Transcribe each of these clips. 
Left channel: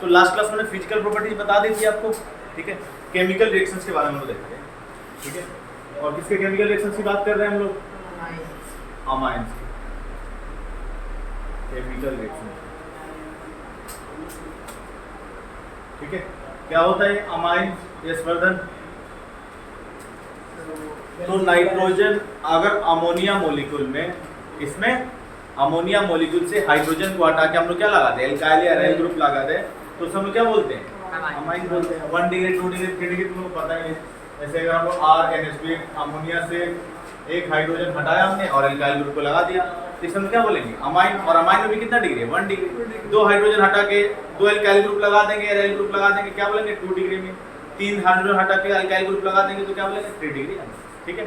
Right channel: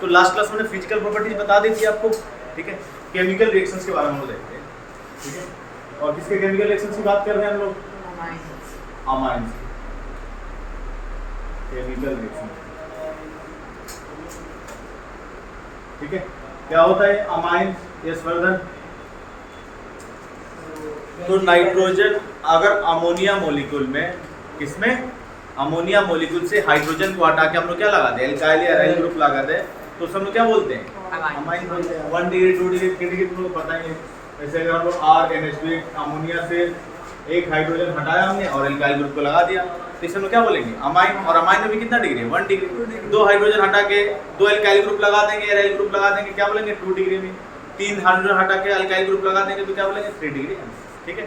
तो last class में physical properties बता दी थी आपको, ठीक है। केमिकल रिएक्शंस के बारे में हम लोग देखते हैं, ठीक है। और किसके केमिकल रिएक्शंस की बात कर रहे हैं हम लोग? अमाइंस केमिकल रिएक्शन, ठीक है। क्या होता है अमाइन? यस वर्धन। तो नाइट्रोजन अगर अमोनिया मॉलिक्यूल में, किसमें? अमोनिया मॉलिक्यूल से हाइड्रोजन को हटा के हम लोग क्या लगा दे? एल्काइल या एराइल ग्रुप लगा दे, तो उसे हम लोग क्या बोलते हैं? अमाइन बोलते हैं। 1 डिग्री 2 डिग्री 3 डिग्री तुमको पता ही है। जैसे अगर हम लोग R अमोनिया से एक हाइड्रोजन हटाया हमने और एल्काइल ग्रुप को लगा दिया, तो इसे हम लोग क्या बोलेंगे? अमाइन। और अमाइन में भी कितना डिग्री है? 1 डिग्री। 2 हाइड्रोजन हटा के 2 एल्काइल ग्रुप लगा देंगे, एराइल ग्रुप लगा देंगे, क्या बोलेंगे? 2 डिग्री में। 3 हाइड्रोजन हटा के एल्काइल ग्रुप लगा देंगे तो क्या बोलेंगे? 3 डिग्री, ठीक है।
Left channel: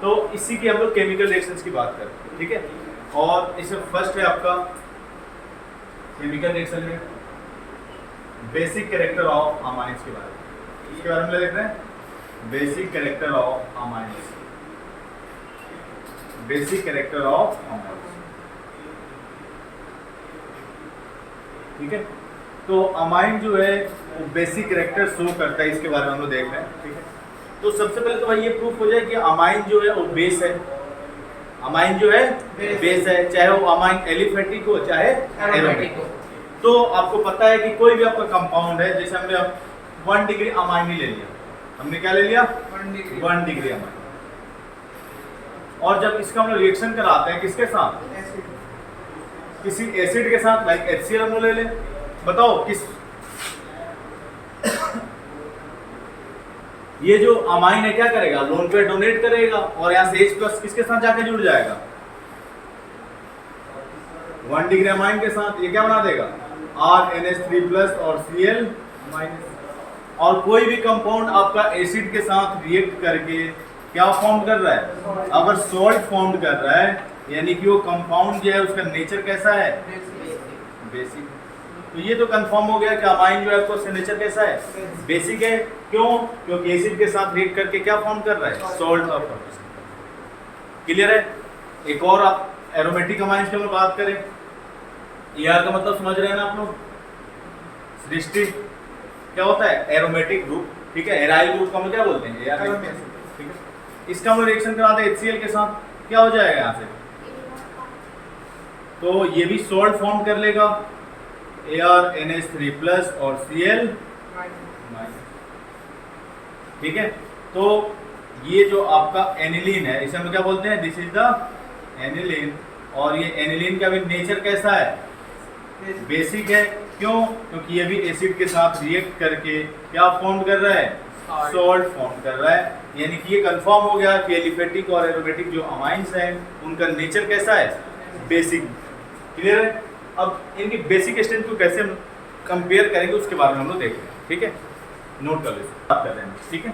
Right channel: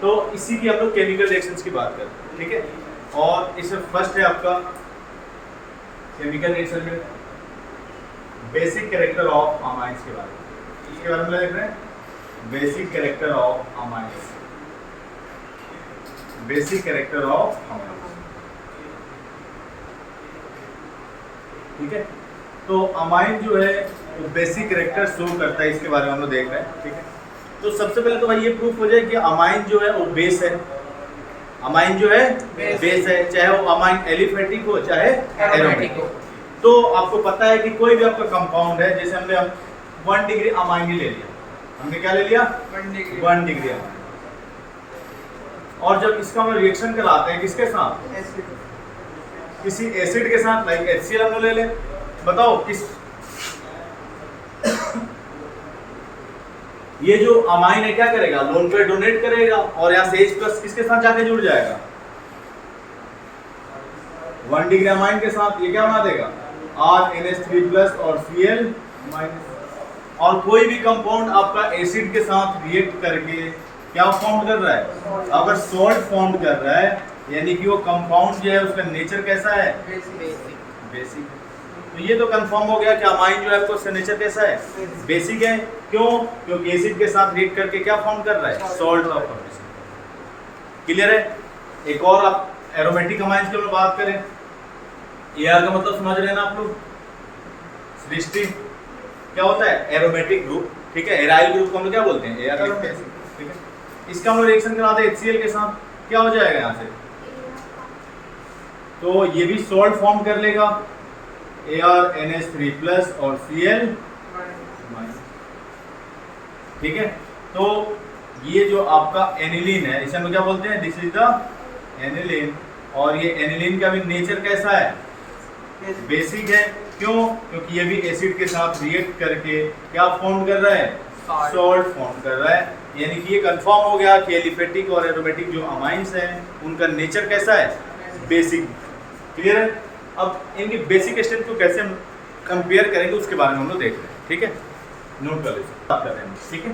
तो इसी की हम लोग केमिकल रिएक्शंस की बात करते हैं, ठीक है। और इसमें फर्स्ट है आपका केमिकल रिएक्शन में बेसिक कैरेक्टर ऑफ अमाइंस के बारे में, इसके बारे में देख रहे हैं। Basic character of amines, basic character of amines, ठीक है। तो अमाइन जो है वो बेसिक कैरेक्टर शो करता है, इसके बारे में हम लोग देख रहे हैं, ठीक है। तो सबसे पहले तो भाई ये प्रूफ हो जाए कि अमाइन जो है वो बेस है। अमाइन जो है बेस है, चाहे वो अमाइन एलिफेटिक हो चाहे एरोमेटिक हो। तो आपको पता है कि कोई भी आपका कंपाउंड है, जैसे हमने 1 डिग्री अमाइन ही ले लिया, हमने क्या ले लिया? 1 डिग्री अमाइन। और जब इसका हम लोग रिएक्शन कराते हैं किसके साथ? किसी एसिड के साथ, लाइक HCl हम लोग ले ले। बताओ किस ये जो अमाइन है क्या करेगा? लोन पे डोनेट करेगा और यहाँ से H+ किसके साथ जाके जुड़ जाएगा? 1 डिग्री अमाइन के साथ ये क्या बना देगा? RNH3+ और Cl-। और कोई भी कंपाउंड आपका एसिड के साथ रिएक्ट करके क्या फॉर्म कर रहा है? अगर सॉल्ट फॉर्म कर रहा है, यानी कि वो कंपाउंड जो है उसका नेचर कैसा है? बेसिक। तो ये तो कंफर्म हो गया कि अमाइन जो है उसका नेचर कैसा है? बेसिक है। क्यों? क्योंकि एसिड के साथ रिएक्ट करके क्या फॉर्म कर रहा है? सॉल्ट का फॉर्मेशन। क्लियर है? एक और आप एरोमेटिक अमाइंस की बात करें, AR का मतलब समझ रहे हैं ना आप लोग? सृष्टि क्या होता है? एरोमेटिक ग्रुप, ठीक है। एराइल ग्रुप को हम लोग क्या बोलते हैं? AR, ठीक है। इसका हम लोग रिएक्शन कराते हैं HCl के साथ, क्या हो जाएगा यहाँ से? तो ये भी सॉल्ट फॉर्म कर लेगा, ArNH3+ और Cl-, ठीक है। तो ये जो आपका एनिलीन है, इसे हम क्या बोलते हैं? This is the aniline. और ये एनिलीन का भी नेचर कैसा है? बेसिक है। क्यों? क्योंकि ये भी एसिड के साथ रिएक्ट करके क्या फॉर्म कर रहा है? सॉल्ट फॉर्म कर रहा है। यानी कि ये कंफर्म हो गया कि एलिफेटिक और एरोमेटिक जो अमाइंस हैं उनका नेचर कैसा है? बेसिक। क्लियर है? अब इनकी बेसिक स्ट्रेंथ को कैसे हम कंपेयर करेंगे उसके बारे में हम लोग देख रहे हैं, ठीक है। नोट कर लीजिए, बात कर रहे हैं, ठीक है।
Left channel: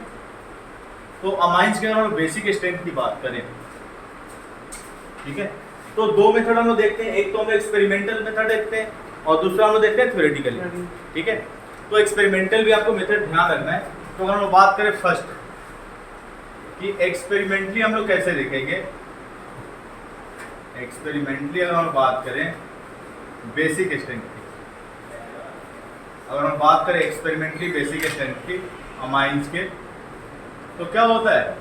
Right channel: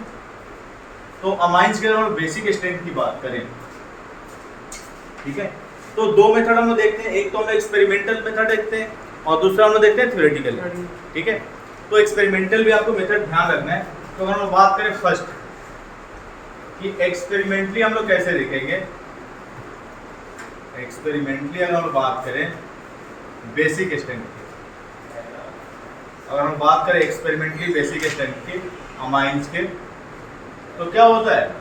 तो अमाइंस के अगर हम बेसिक स्ट्रेंथ की बात करें, ठीक है, तो 2 मेथड हम लोग देखते हैं। एक तो हम एक्सपेरिमेंटल मेथड देखते हैं और दूसरा हम लोग देखते हैं थ्योरेटिकली, ठीक है। तो एक्सपेरिमेंटल भी आपको मेथड ध्यान रखना है। तो अगर हम बात करें फर्स्ट कि एक्सपेरिमेंटली हम लोग कैसे देखेंगे, एक्सपेरिमेंटली अगर हम बात करें बेसिक स्ट्रेंथ की, अगर हम बात करें एक्सपेरिमेंटली बेसिक स्ट्रेंथ की अमाइंस के, तो क्या होता है?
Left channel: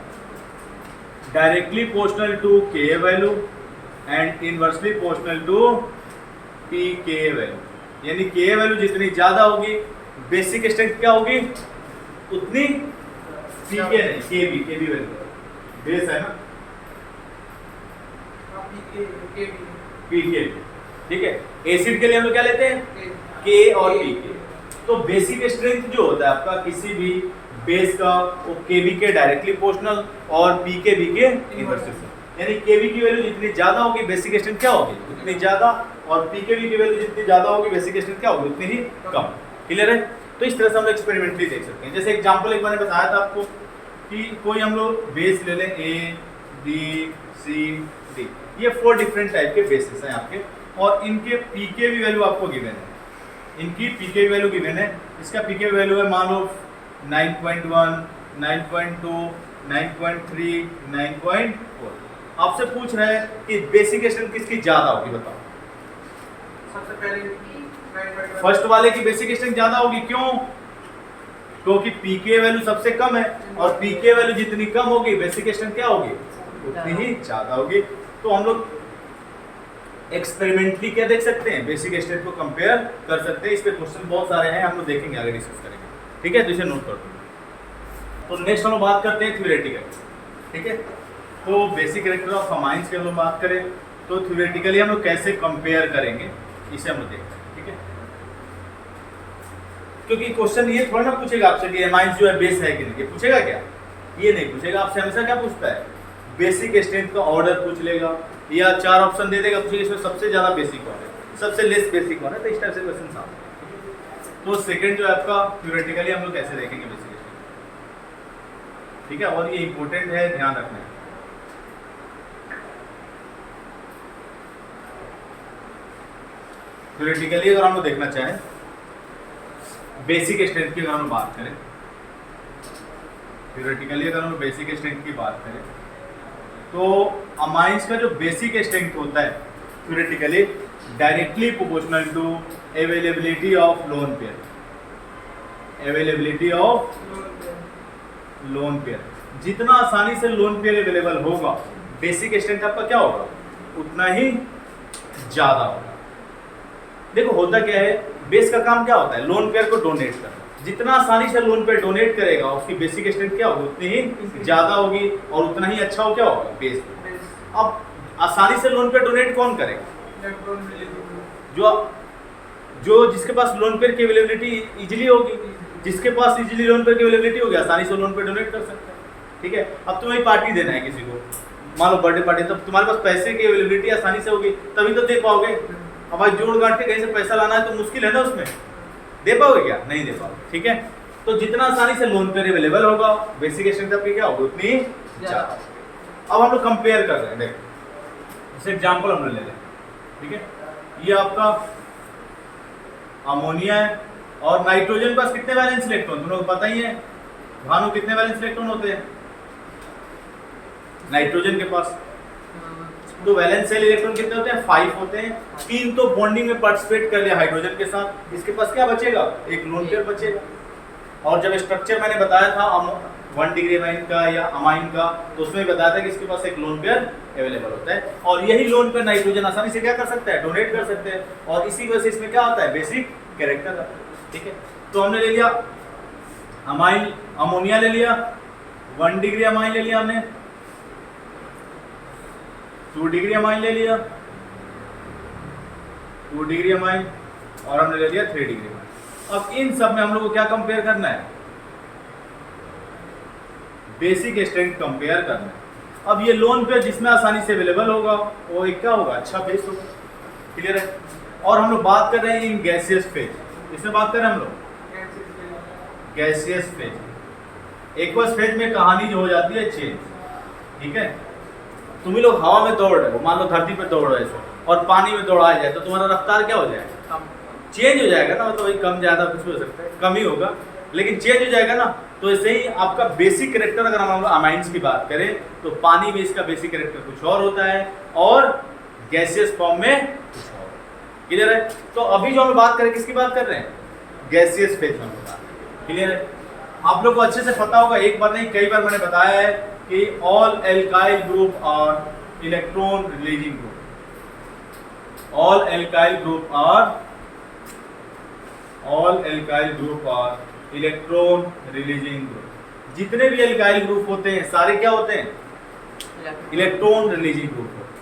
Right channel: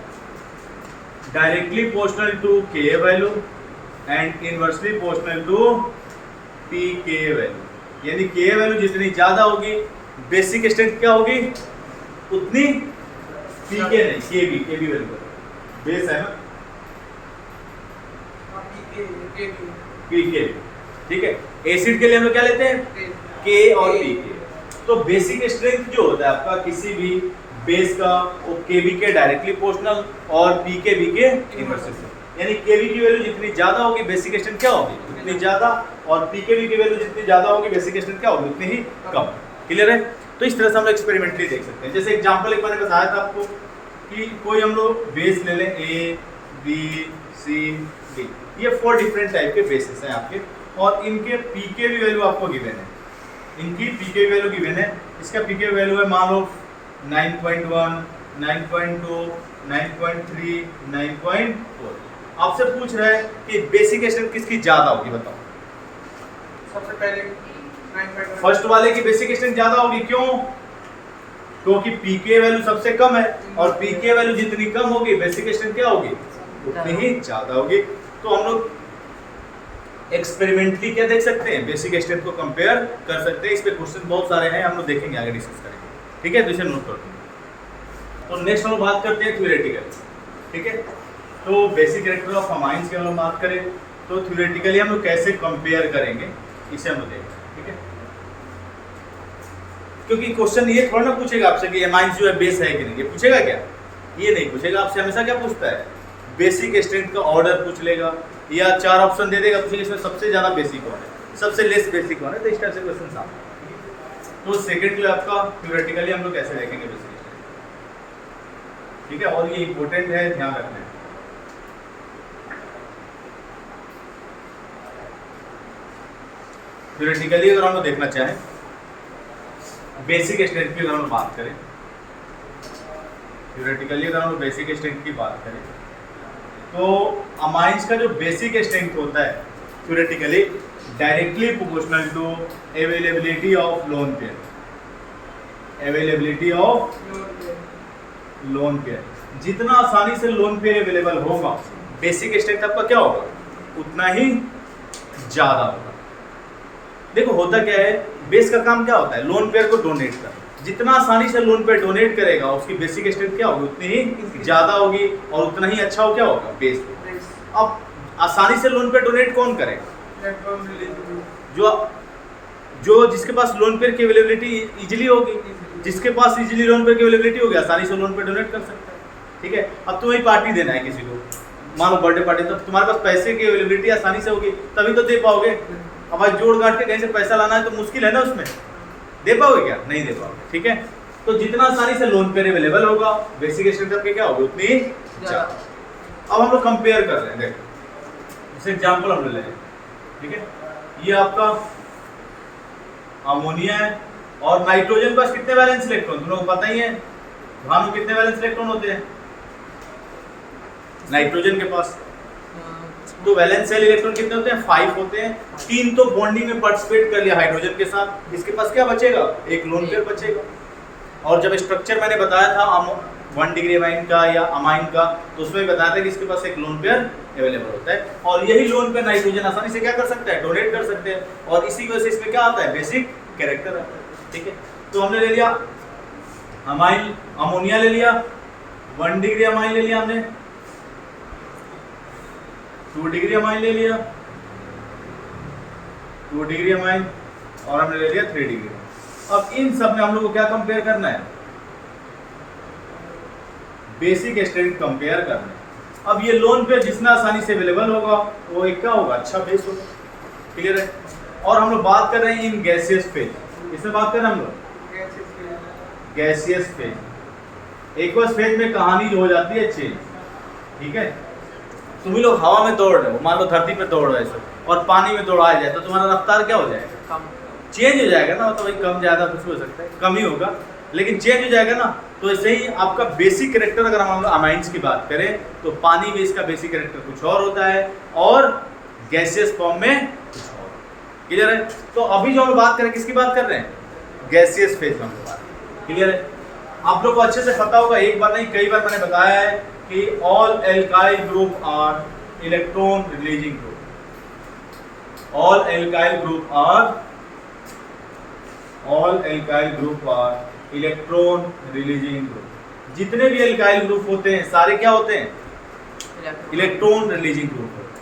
Directly proportional to Ka value and inversely proportional to Pk value. यानी Ka वैल्यू जितनी ज्यादा होगी बेसिक स्ट्रेंथ क्या होगी? उतनी Pk नहीं, Kb वैल्यू बेस है ना, Pk, ठीक है। एसिड के लिए हम लोग क्या लेते हैं? K और Pk। तो बेसिक स्ट्रेंथ जो होता है आपका किसी भी बेस का, वो Kb के डायरेक्टली प्रोपोर्शनल और Pkb के इनवर्सली। यानी Kb की वैल्यू जितनी ज्यादा होगी बेसिक स्ट्रेंथ क्या होगी? उतनी ज्यादा। और Pkb की वैल्यू जितनी ज्यादा होगी बेसिक स्ट्रेंथ क्या होगी? उतनी ही कम। क्लियर है? तो इस तरह से हम लोग एक्सपेरिमेंटली देख सकते हैं। जैसे एग्जांपल एक मैंने बताया था आपको कि कोई हम लोग बेस ले लें A, B, C, D, ये 4 डिफरेंट टाइप के बेसिस हैं आपके, और इनके Pkb वैल्यू आपको गिवन है। इनकी Pkb वैल्यू गिवन है। इसका Pkb वैल्यू है मान लो 9.1, 9.2, 9.3, 9.4। आपसे पूछ रहे हैं कि बेसिक स्ट्रेंथ किसकी ज्यादा होगी, बताओ। सबसे पहले फर्स्ट वाले की बेसिक स्ट्रेंथ ज्यादा होगी, क्यों? क्योंकि पीके वैल्यू सबसे कम है और पीके वैल्यू जितनी कम होगी बेसिक स्ट्रेंथ क्या होगी, उतनी ही ज्यादा होगी। तो हम लोग एक्सपेरिमेंटली क्या देख सकते हैं, बेसिक स्ट्रेंथ को कंपेयर कर सकते हैं। इस पे क्वेश्चन बहुत सारे हैं, हम लोग देखेंगे, आगे डिस्कस करेंगे, ठीक है? तो इसे नोट कर दो। तो नेक्स्ट हम लोग बात करते हैं थ्योरेटिकल, ठीक है? तो बेसिक कैरेक्टर ऑफ अमाइंस की हम लोग बात करें तो थ्योरेटिकली हम लोग कैसे कंपेयर करेंगे इसे हम लोग देखते हैं, ठीक है? क्योंकि क्वेश्चन ये थोड़ा ना पूछेगा आपसे कि अमाइंस जो है बेस है कि नहीं, ये पूछेगा क्या? ये नहीं पूछेगा आपसे। हमेशा क्या पूछता है, बेसिक स्ट्रेंथ का ऑर्डर पूछ लेगा, या 4 ऑप्शन दे देगा, पूछेगा इसमें सबसे ज्यादा बेसिक कौन है, सबसे लेस बेसिक कौन है। तो इस टाइप से क्वेश्चन सामने। तो सेकंड जो है आपका थ्योरेटिकली हम लोग कैसे देखेंगे बेसिक स्ट्रेंथ, ठीक है? और ये इंपॉर्टेंट है, ध्यान रखना है। थ्योरेटिकली अगर हम लोग देखना चाहें बेसिक स्ट्रेंथ की, अगर हम बात करें थ्योरेटिकली, अगर हम लोग बेसिक स्ट्रेंथ की बात करें तो अमाइंस का जो बेसिक स्ट्रेंथ होता है theoretically directly proportional to availability of lone pair, availability of lone pair. जितना आसानी से लोन पेयर अवेलेबल होगा बेसिक स्ट्रेंथ आपका क्या होगा, उतना ही ज्यादा होगा। देखो होता क्या है, बेस का काम क्या होता है, लोन पेयर को डोनेट करना। जितना आसानी से लोन पेयर डोनेट करेगा उसकी बेसिक स्ट्रेंथ क्या होगी, उतनी ही ज्यादा होगी और उतना ही अच्छा हो क्या होगा, बेस। अब आसानी से लोन पेयर डोनेट कौन करेगा, जो जिसके पास लोन पेयर की अवेलेबिलिटी इजीली होगी, जिसके पास इजीली लोन पेयर की अवेलेबिलिटी होगी आसानी से लोन पेयर डोनेट कर सकता है, ठीक है? अब तुम्हें पार्टी देना है किसी को, मान लो बर्थडे पार्टी, तो तुम्हारे पास पैसे की अवेलेबिलिटी आसानी से होगी तभी तो दे पाओगे। अब भाई जोड़ गांठ के कहीं से पैसा लाना है तो मुश्किल है ना, उसमें दे पाओगे क्या, नहीं दे पाओगे, ठीक है? तो जितना आसानी से लोन पेयर अवेलेबल होगा बेसिक स्ट्रेंथ आपकी क्या होगी, उतनी ज्यादा। अब हम लोग कंपेयर कर रहे हैं, देखो जैसे एग्जांपल हम ले लें, ठीक है? ये आपका अमोनिया है और नाइट्रोजन के पास कितने वैलेंस इलेक्ट्रॉन, तुम लोग को पता ही है भानु, कितने वैलेंस इलेक्ट्रॉन होते हैं नाइट्रोजन के पास? तो वैलेंस शेल इलेक्ट्रॉन कितने होते हैं, 5 होते हैं। 3 तो बॉन्डिंग में पार्टिसिपेट कर लिया हाइड्रोजन के साथ, इसके पास क्या बचेगा, एक लोन पेयर बचेगा। और जब स्ट्रक्चर मैंने बताया था 1 डिग्री अमाइन का या अमाइन का, तो उसमें बताया था कि इसके पास एक लोन पेयर अवेलेबल होता है और यही लोन पेयर नाइट्रोजन आसानी से क्या कर सकता है, डोनेट कर सकते हैं। और इसी वजह से इसमें क्या आता है, बेसिक कैरेक्टर, ठीक है? तो हमने ले लिया अमाइन, अमोनिया ले लिया, 1 डिग्री अमाइन ले लिया हमने, 2 डिग्री अमाइन ले लिया, 2 डिग्री अमाइन, और हमने ले लिया 3 डिग्री अमाइन। अब इन सब में हम लोग को क्या कंपेयर करना है, बेसिक स्ट्रेंथ कंपेयर करना है। अब ये लोन पेयर जितना आसानी से अवेलेबल होगा वो एक क्या होगा, अच्छा बेस होगा, क्लियर है? और हम लोग बात कर रहे हैं इन गैसियस फेज, इसमें बात कर रहे हैं हम लोग गैसियस फेज। एक्वस फेज में कहानी जो हो जाती है चेंज, ठीक है? तुम ही लोग हवा में दौड़ रहे हो, मान लो धरती पे दौड़ रहे हो और पानी में दौड़ाया जाए तो तुम्हारा रफ्तार क्या हो जाएगा, चेंज हो जाएगा ना, मतलब वही कम ज्यादा कुछ हो सकता है, कम ही होगा लेकिन चेंज हो जाएगा ना। तो ऐसे ही आपका बेसिक कैरेक्टर, अगर हम अमाइंस की बात करें तो पानी में इसका बेसिक कैरेक्टर कुछ और होता है और गैसियस फॉर्म में कुछ और, क्लियर है? तो अभी जो हम बात करें किसकी बात कर रहे हैं, गैसियस फेज में बात, क्लियर है? आप लोग को अच्छे से पता होगा, एक बार नहीं कई बार मैंने बताया है कि all alkyl group are electron releasing group, all alkyl group are electron releasing group. जितने भी एल्काइल ग्रुप होते हैं सारे क्या होते हैं, इलेक्ट्रॉन रिलीजिंग ग्रुप होते हैं,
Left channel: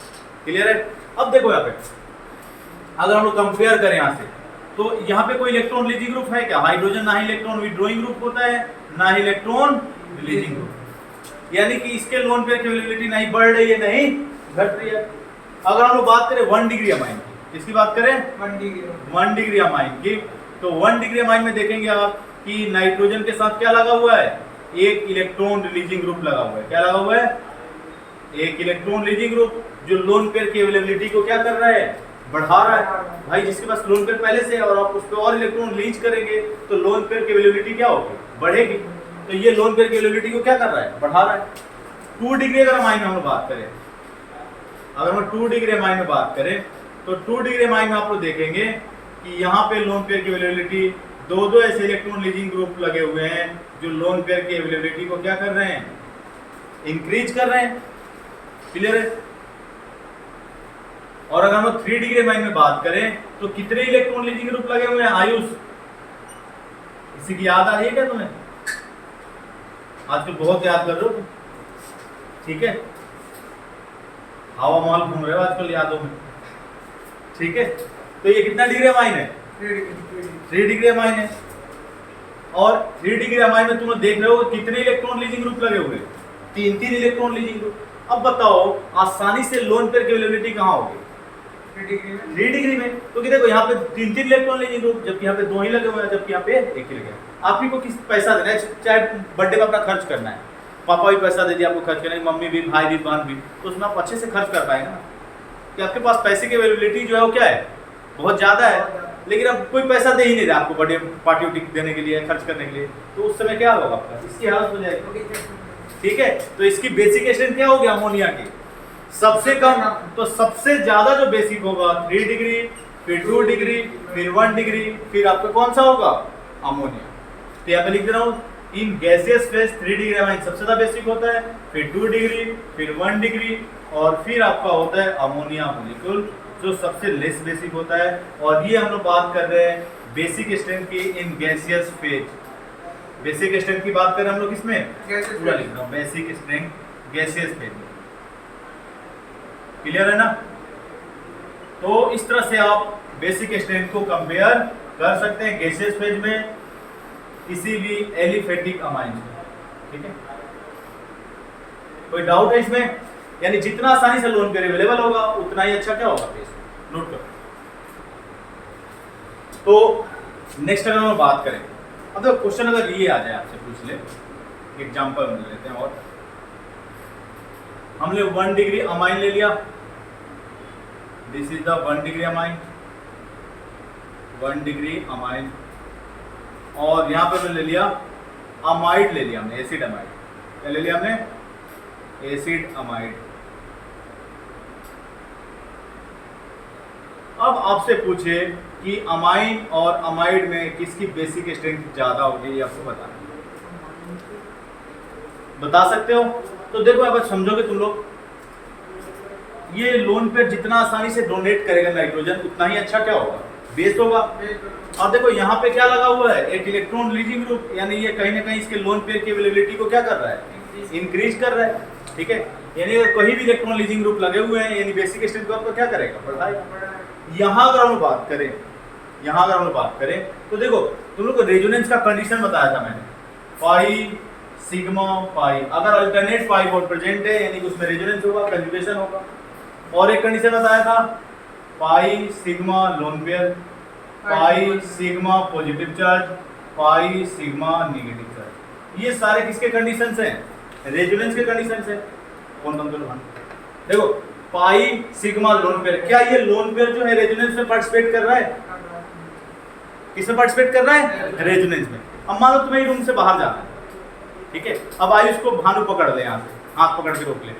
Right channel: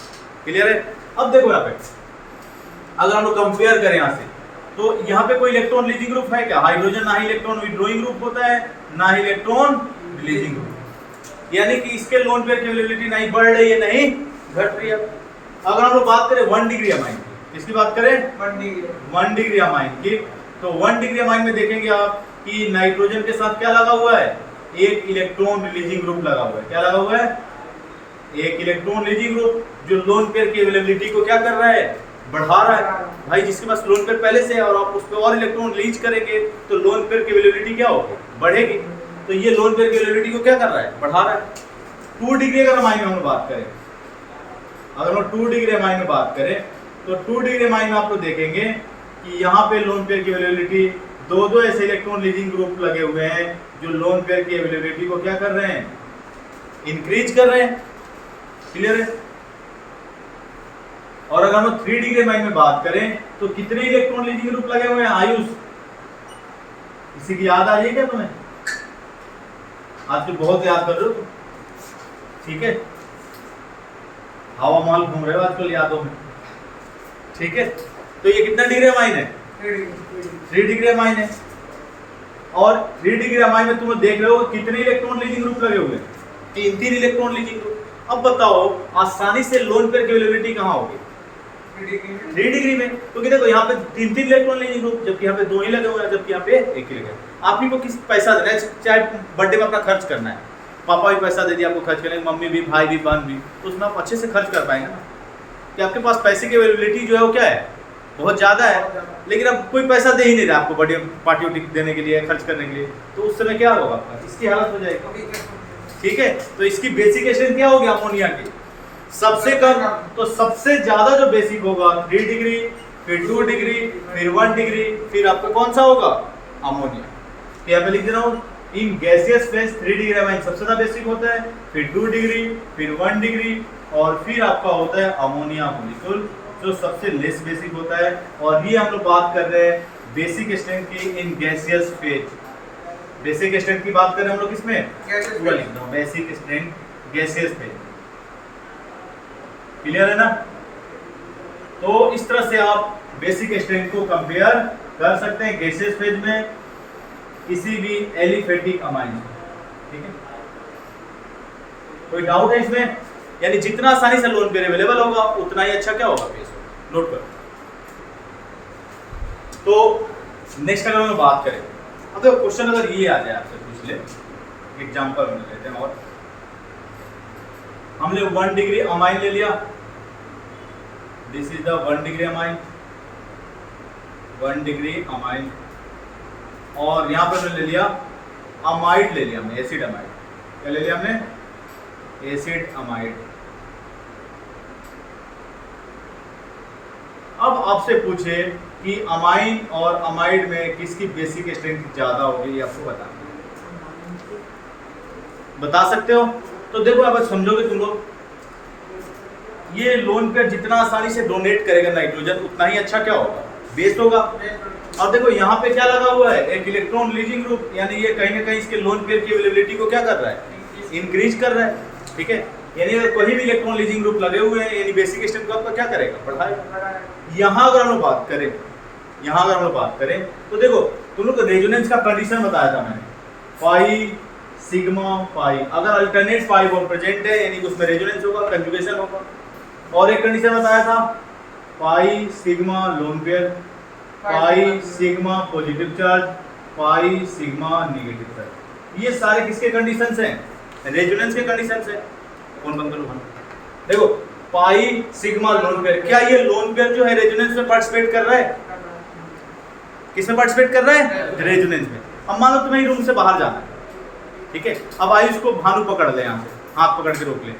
क्लियर है? अब देखो यहाँ पे अगर हम लोग कंपेयर करें यहाँ से, तो यहाँ पे कोई इलेक्ट्रॉन रिलीजिंग ग्रुप है क्या, हाइड्रोजन ना ही इलेक्ट्रॉन विड्रॉइंग ग्रुप होता है ना ही इलेक्ट्रॉन रिलीजिंग ग्रुप, यानी कि इसके लोन पेयर की अवेलेबिलिटी नहीं बढ़ रही है नहीं घट रही है। अगर हम लोग बात करें 1 डिग्री अमाइन की, इसकी बात करें 1 डिग्री अमाइन की, तो 1 डिग्री अमाइन में देखेंगे आप कि नाइट्रोजन के साथ क्या लगा हुआ है, एक इलेक्ट्रॉन रिलीजिंग ग्रुप लगा हुआ है। क्या लगा हुआ है, एक इलेक्ट्रॉन रिलीजिंग ग्रुप, जो लोन पेयर की अवेलेबिलिटी को क्या कर रहा है, बढ़ा रहा है। भाई जिसके पास लोन पेयर पहले से है और आप उस पर और इलेक्ट्रॉन रिलीज करेंगे तो लोन पेयर की अवेलेबिलिटी क्या होगी, बढ़ेगी। तो ये लोन पेयर की अवेलेबिलिटी को क्या कर रहा है, बढ़ा रहा है। 2 डिग्री अगर अमाइन में हम बात करें, अगर हम 2 डिग्री अमाइन में बात करें तो 2 डिग्री अमाइन में आप लोग देखेंगे कि यहाँ पे लोन पेयर की अवेलेबिलिटी दो ऐसे इलेक्ट्रॉन लीजिंग ग्रुप लगे हुए हैं जो लोन पेयर की अवेलेबिलिटी को क्या कर रहे हैं, इंक्रीज कर रहे हैं। क्लियर है। और अगर हम लोग 3 डिग्री अमाइन में बात करें तो कितने इलेक्ट्रॉन लीजिंग ग्रुप लगे हुए हैं आयुष, किसी की याद आ रही है क्या तुम्हें? आज तो बहुत याद कर रहे हो तुम, ठीक है, हवा महल घूम रहे हो आजकल यादों में, ठीक है। तो ये कितना डिग्री अमाइन है, 3 डिग्री अमाइन है। और 3 डिग्री अमाइन में तुम लोग देख रहे हो कितने इलेक्ट्रॉन लीजिंग ग्रुप लगे हुए हैं, 3 इलेक्ट्रॉन लीजिंग ग्रुप। अब बताओ आसानी से लोन पेयर की अवेलेबिलिटी कहाँ होगी, 3 डिग्री में। क्योंकि देखो यहाँ पे 3 इलेक्ट्रॉन लीजिंग ग्रुप, जबकि यहाँ पे 2 ही लगे हुए हैं, जबकि यहाँ पे 1 ही लगे हुए। आपकी को किस पैसा देना है, चाहे बर्थडे में अपना खर्च करना है, पापा भी पैसा दे दिया आपको खर्च करने, मम्मी भी, भाई भी, बहन भी, तो उसमें आप अच्छे से खर्च कर पाएंगे ना। कि आपके पास पैसे की अवेलेबिलिटी जो है वो क्या है, बहुत ज़्यादा है, लेकिन अब कोई पैसा दे ही नहीं रहा आपको बर्थडे पार्टी देने के लिए, खर्च करने के लिए, तो उस समय क्या होगा आपका, इसकी हालत हो जाएगी। ठीक है, तो इसकी बेसिक स्ट्रेंथ क्या होगी अमोनिया की, सबसे कम। तो सबसे ज्यादा जो बेसिक होगा 3 डिग्री, फिर 2 डिग्री, फिर 1 डिग्री, फिर आपका कौन सा होगा, अमोनिया। तो यहाँ पे लिख दे रहा हूँ, in gaseous phase 3 degree amine सबसे ज्यादा बेसिक होता है, फिर 2 डिग्री, फिर 1 डिग्री, और फिर आपका होता है अमोनिया मॉलिक्यूल जो सबसे लेस बेसिक होता है। और ये हम लोग बात कर रहे हैं बेसिक स्ट्रेंथ की in gaseous phase. Basic strength की बात करें हम लोग इसमें पूरा लिख रहा हूँ, basic strength gaseous phase. Clear है ना। तो इस तरह से आप बेसिक स्ट्रेंथ को कंपेयर कर सकते हैं गैसियस फेज में किसी भी एलिफेटिक अमाइन से। ठीक है, कोई डाउट है इसमें? यानी जितना आसानी से लोन पेयर अवेलेबल होगा उतना ही अच्छा क्या होगा पेज, नोट करो। तो नेक्स्ट अगर हम बात करें, अब तो क्वेश्चन अगर ये आ जाए आपसे पूछ ले, एग्जांपल ले लेते हैं। और हमने 1 डिग्री अमाइन ले लिया, this is the 1 degree amine, 1 degree amine. और यहां पर ले लिया अमाइड, ले लिया हमने एसिड अमाइड। क्या ले लिया हमने, एसिड अमाइड। अब आपसे पूछे कि अमाइन और अमाइड में किसकी बेसिक स्ट्रेंथ ज्यादा होगी, आपको बता सकते हो? तो देखो अब समझोगे तुम लोग, ये लोन पेयर जितना आसानी से डोनेट करेगा नाइट्रोजन उतना ही अच्छा क्या होगा, बेस होगा। अब देखो यहाँ पे क्या लगा हुआ है, एक इलेक्ट्रॉन लीजिंग ग्रुप, यानी ये कहीं ना कहीं इसके लोन पेयर की अवेलेबिलिटी को क्या कर रहा है, इंक्रीज कर रहा है। ठीक है, यानी अगर कोई भी इलेक्ट्रॉन लीजिंग ग्रुप लगे हुए हैं यानी बेसिक स्ट्रेंथ को आपका क्या करेगा, बढ़ाएगा। यहाँ अगर हम बात करें, यहाँ अगर हम बात करें तो देखो तुम लोग को रेजोनेंस का कंडीशन बताया था मैंने, पाई सिग्मा पाई। अगर अल्टरनेट पाई बॉन्ड प्रेजेंट है यानी उसमें रेजोनेंस होगा, कंजुगेशन होगा। और एक कंडीशन बताया था pi sigma lone pair, pi sigma positive charge, pi sigma negative charge. ये सारे किसके कंडीशंस हैं, रेजोनेंस के कंडीशंस है। कौन बंद करो, देखो पाई सिग्मा लोन पेयर, क्या ये लोन पेयर जो है रेजोनेंस में पार्टिसिपेट कर रहा है, किसमें पार्टिसिपेट कर रहा है, रेजोनेंस में। अब मान लो तुम्हें रूम से बाहर जाना है, ठीक है, अब आयुष को भानु पकड़ ले, यहाँ से हाथ पकड़ के रोक ले,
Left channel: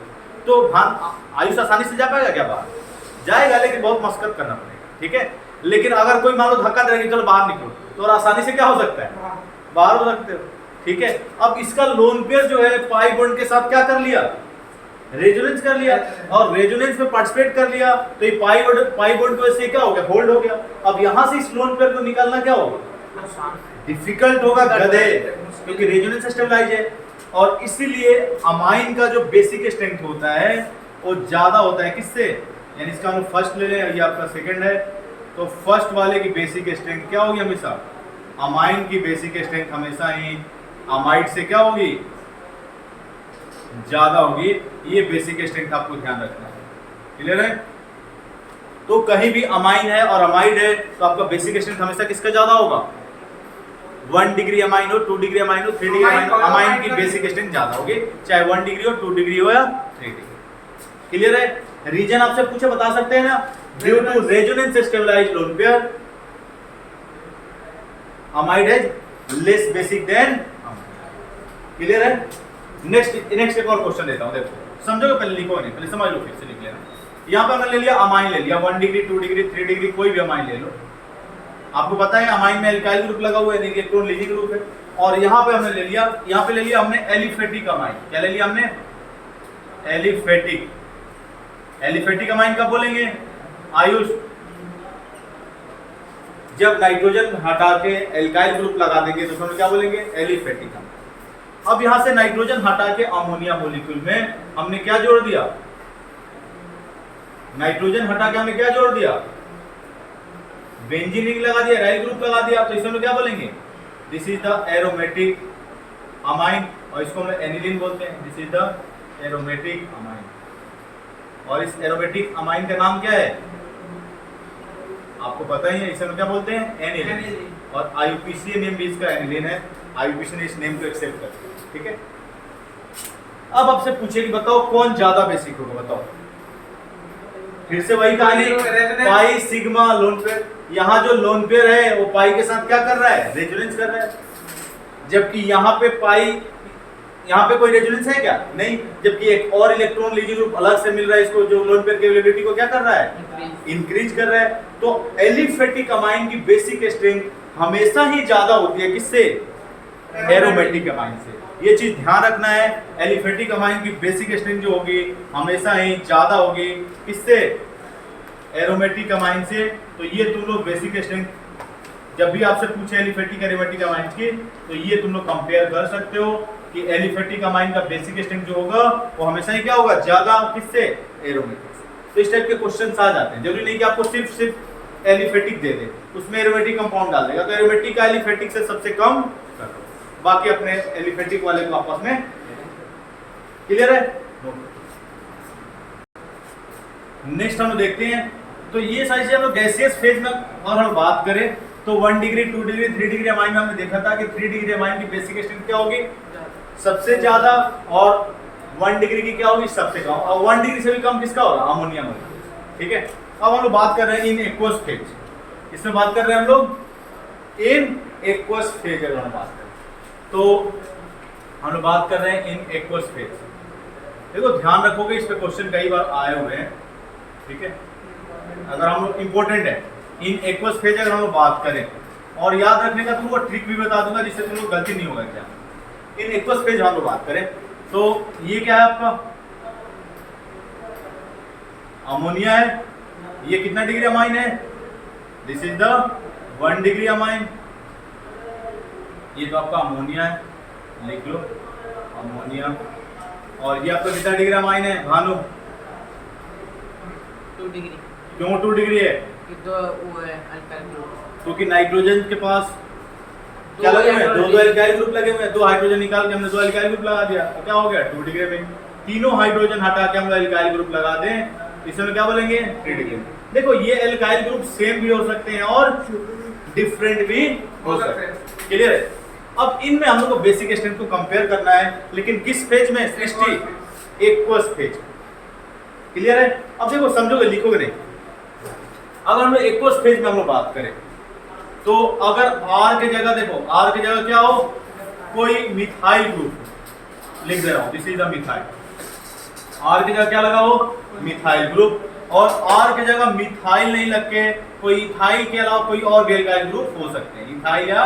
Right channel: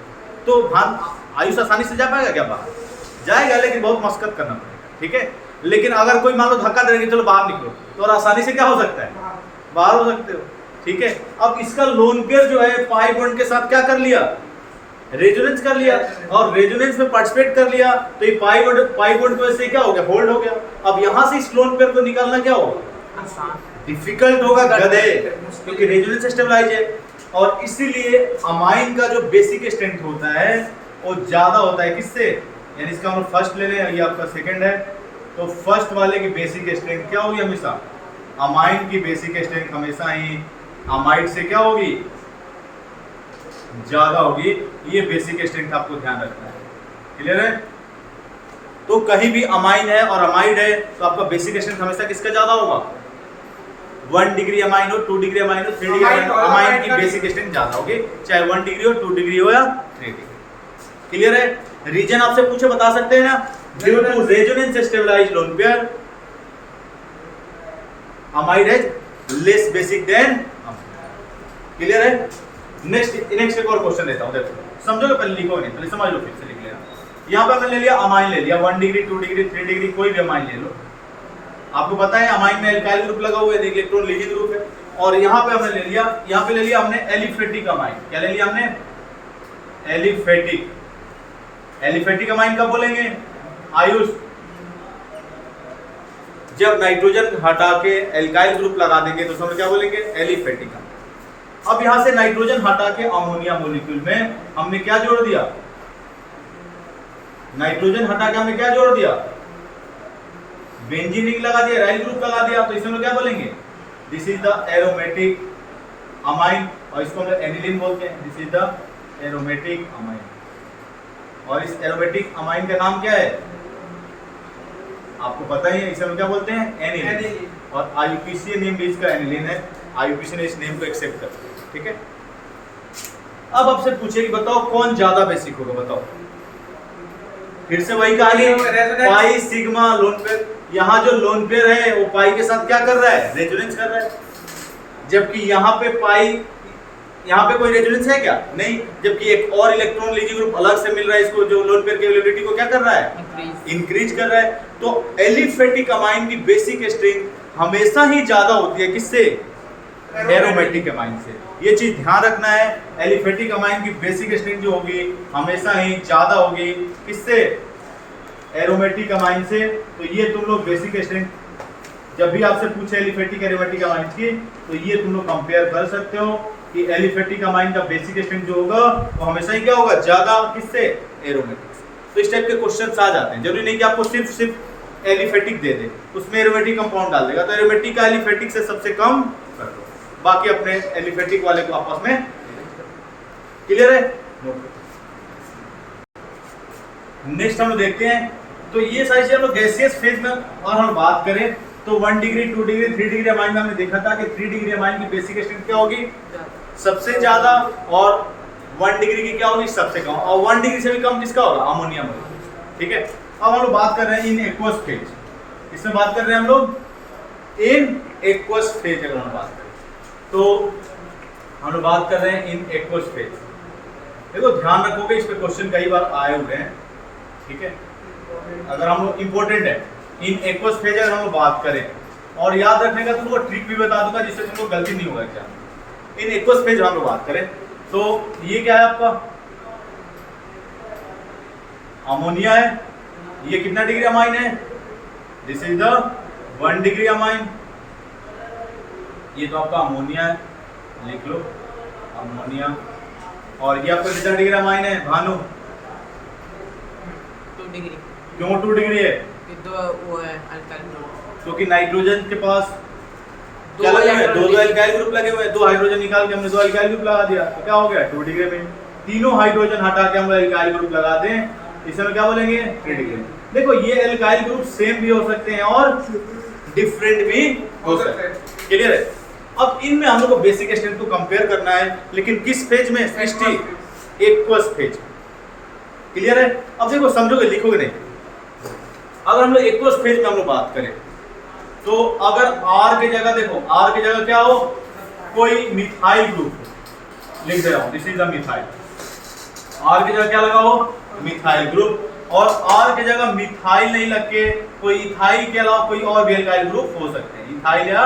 तो आयुष आसानी से जा पाएगा क्या बाहर, जाएगा लेकिन बहुत मशक्कत करना पड़ेगा। ठीक है, लेकिन अगर कोई मान लो धक्का देंगे चलो बाहर निकलो, तो और आसानी से क्या हो सकता है, बाहर हो सकते हो। ठीक है, अब इसका लोन पेयर जो है पाई बॉन्ड के साथ क्या कर लिया, रेजोनेंस कर लिया, और रेजोनेंस में पार्टिसिपेट कर लिया, तो ये पाई बॉन्ड की वजह से क्या हो गया, होल्ड हो गया। अब यहां से इस लोन पेयर को निकालना क्या होगा, डिफिकल्ट होगा गधे, क्योंकि रेजोनेंस स्टेबलाइज है। और इसीलिए अमाइन का जो बेसिक स्ट्रेंथ होता है वो ज्यादा होता है किससे, यानी इसका हम लोग फर्स्ट ले लें, ये आपका सेकंड है, तो फर्स्ट वाले की बेसिक स्ट्रेंथ क्या होगी, हमेशा अमाइन की बेसिक स्ट्रेंथ हमेशा ही अमाइड से क्या होगी, ज्यादा होगी। ये बेसिक स्ट्रेंथ आपको ध्यान रखना है। क्लियर है। तो कहीं भी अमाइन है और अमाइड है तो आपका बेसिक स्ट्रेंथ हमेशा किसका ज्यादा होगा, 1 डिग्री अमाइन हो, 2 डिग्री अमाइन हो, 3 डिग्री अमाइन हो, अमाइन की बेसिक स्ट्रेंथ ज्यादा होगी, चाहे 1 डिग्री हो, 2 डिग्री हो या 3 डिग्री। क्लियर है। रीजन आपसे पूछे बता सकते हैं ना, due to resonance stabilized lone pair amide है लेस बेसिक देन। क्लियर है। नेक्स्ट एक और क्वेश्चन लेता हूं, देखो समझोगे, पहले लिखो नहीं, पहले समझ लो, फिर से लिख लेना। यहां पर मैंने ले लिया अमाइन, ले लिया 1 डिग्री, 2 डिग्री, 3 डिग्री, कोई भी अमाइन ले लो। आपको पता है अमाइन में एल्काइल ग्रुप लगा हुआ है, इलेक्ट्रॉन लीजिंग ग्रुप है। और यहाँ पे हमने ले लिया, यहाँ पे ले लिया हमने एलिफेटिक अमाइन। क्या ले लिया हमने? एलिफेटिक। एलिफेटिक अमाइन कब बोलेंगे आयुष? जब नाइट्रोजन हटा के एल्काइल ग्रुप लगा देंगे तो उसमें क्या बोलेंगे? Aliphatic amine. अब यहां से नाइट्रोजन हटा के अमोनिया मॉलिक्यूल में हमने क्या जोड़ दिया? नाइट्रोजन हटा के हमने क्या जोड़ दिया? बेंजीन रिंग लगा दिया, राइल ग्रुप लगा दिया। तो इसमें क्या बोलेंगे? This is the aromatic amine, और इसको हम एनिलीन बोलते हैं। This is the aromatic amine. और इस एरोमेटिक अमाइन का नाम क्या है? आपको पता ही है, इसे हम क्या बोलते हैं? एनिलीन। और आईयूपीसी नेम भी इसका एनिलीन है। आईयूपीसी ने इस नेम को एक्सेप्ट कर लिया। ठीक है। अब आपसे पूछे कि बताओ कौन ज्यादा बेसिक होगा? बताओ। फिर से वही कहानी, पाई सिग्मा लोन पेयर। यहाँ जो लोन पेयर है वो पाई के साथ क्या कर रहा है? रेजोनेंस कर रहा है। जबकि यहाँ पे पाई, यहाँ पे कोई रेजोनेंस है क्या? नहीं। जबकि एक और इलेक्ट्रॉन लीजिंग ग्रुप अलग से मिल रहा है इसको, जो लोन पेयर की अवेलेबिलिटी को क्या कर रहा है? इंक्रीज कर रहा है। तो एलिफेटिक अमाइन की बेसिक स्ट्रेंथ हमेशा ही ज्यादा होती है किससे? एरोमेटिक अमाइन से। ये चीज ध्यान रखना है। एलिफेटिक अमाइन की बेसिक स्ट्रेंथ जो होगी हमेशा ही ज्यादा होगी किससे? एरोमेटिक अमाइन से। तो ये तुम लोग बेसिक स्ट्रेंथ जब भी आपसे पूछे एलिफेटिक एरोमेटिक अमाइन की, तो ये तुम लोग कंपेयर कर सकते हो कि एलिफेटिक अमाइन का बेसिक स्ट्रेंथ जो होगा वो हमेशा ही क्या होगा? ज्यादा किससे? एरोमेटिक से। तो इस टाइप के क्वेश्चंस आ जाते हैं। जरूरी नहीं कि आपको सिर्फ एलिफेटिक दे दे, उसमें एरोमेटिक कंपाउंड डाल देगा। तो एरोमेटिक का एलिफेटिक से सबसे कम कर दो, बाकी अपने एलिफेटिक वाले को आपस में। क्लियर है? नेक्स्ट हम देखते हैं। तो ये सारी चीजें हम लोग गैसियस फेज में और हम बात करें तो 1 डिग्री 2 डिग्री 3 डिग्री अमाइन में हमने देखा था कि 3 डिग्री अमाइन की बेसिक स्ट्रेंथ क्या होगी? सबसे ज्यादा। और 1 डिग्री की क्या होगी? सबसे कम। और 1 डिग्री से भी कम किसका होगा? Ammonia molecule. ठीक है। अब हम लोग बात कर रहे हैं इन एक्वस फेज। किसमें बात कर रहे हैं हम लोग? In aqueous phase. अगर हम बात करें तो हम लोग बात कर रहे हैं इन एक्वस फेज। देखो ध्यान रखोगे, इस पे क्वेश्चन कई बार आए हुए हैं। ठीक है। अगर हम लोग इंपॉर्टेंट है इन एक्वस फेज अगर हम लोग बात करें, और याद रखने का तुमको ट्रिक भी बता दूंगा जिससे तुमको गलती नहीं होगा। क्या इन एक्वस फेज हम लोग बात करें तो ये क्या है आपका? अमोनिया है। ये कितना डिग्री अमाइन है? This is the 1 degree amine. ये तो आपका अमोनिया है, लिख लो अमोनिया। और ये आपका कितना डिग्री अमाइन है भानु? 2 डिग्री। क्यों 2 डिग्री है? तो वो है अल्काइल ग्रुप, क्योंकि नाइट्रोजन के पास क्या लगे हुए हैं? 2 एल्काइल ग्रुप लगे हुए हैं। 2 हाइड्रोजन निकाल के हमने 2 एल्काइल ग्रुप लगा दिया, तो क्या हो गया? 2 डिग्री में। तीनों हाइड्रोजन हटा के हम एल्काइल ग्रुप लगा दें, इसमें क्या बोलेंगे? 3 डिग्री। देखो ये एल्काइल ग्रुप सेम भी हो सकते हैं और डिफरेंट भी हो सकते हैं। क्लियर है? अब इनमें हम लोग को बेसिक स्ट्रेंथ को कंपेयर करना है, लेकिन किस फेज में? सृष्टि एक्वस फेज। क्लियर है? अब देखो समझोगे, लिखोगे नहीं। अगर हम लोग एक्वस फेज में हम लोग बात करें तो अगर R की जगह देखो, R की जगह क्या हो? कोई मिथाइल ग्रुप लिख दे रहा हूं, this is the methyl. R की जगह क्या लगा हो? Methyl group. और R की जगह मिथाइल नहीं लग के कोई इथाइल के अलावा कोई और भी एल्काइल ग्रुप हो सकते हैं। इथाइल या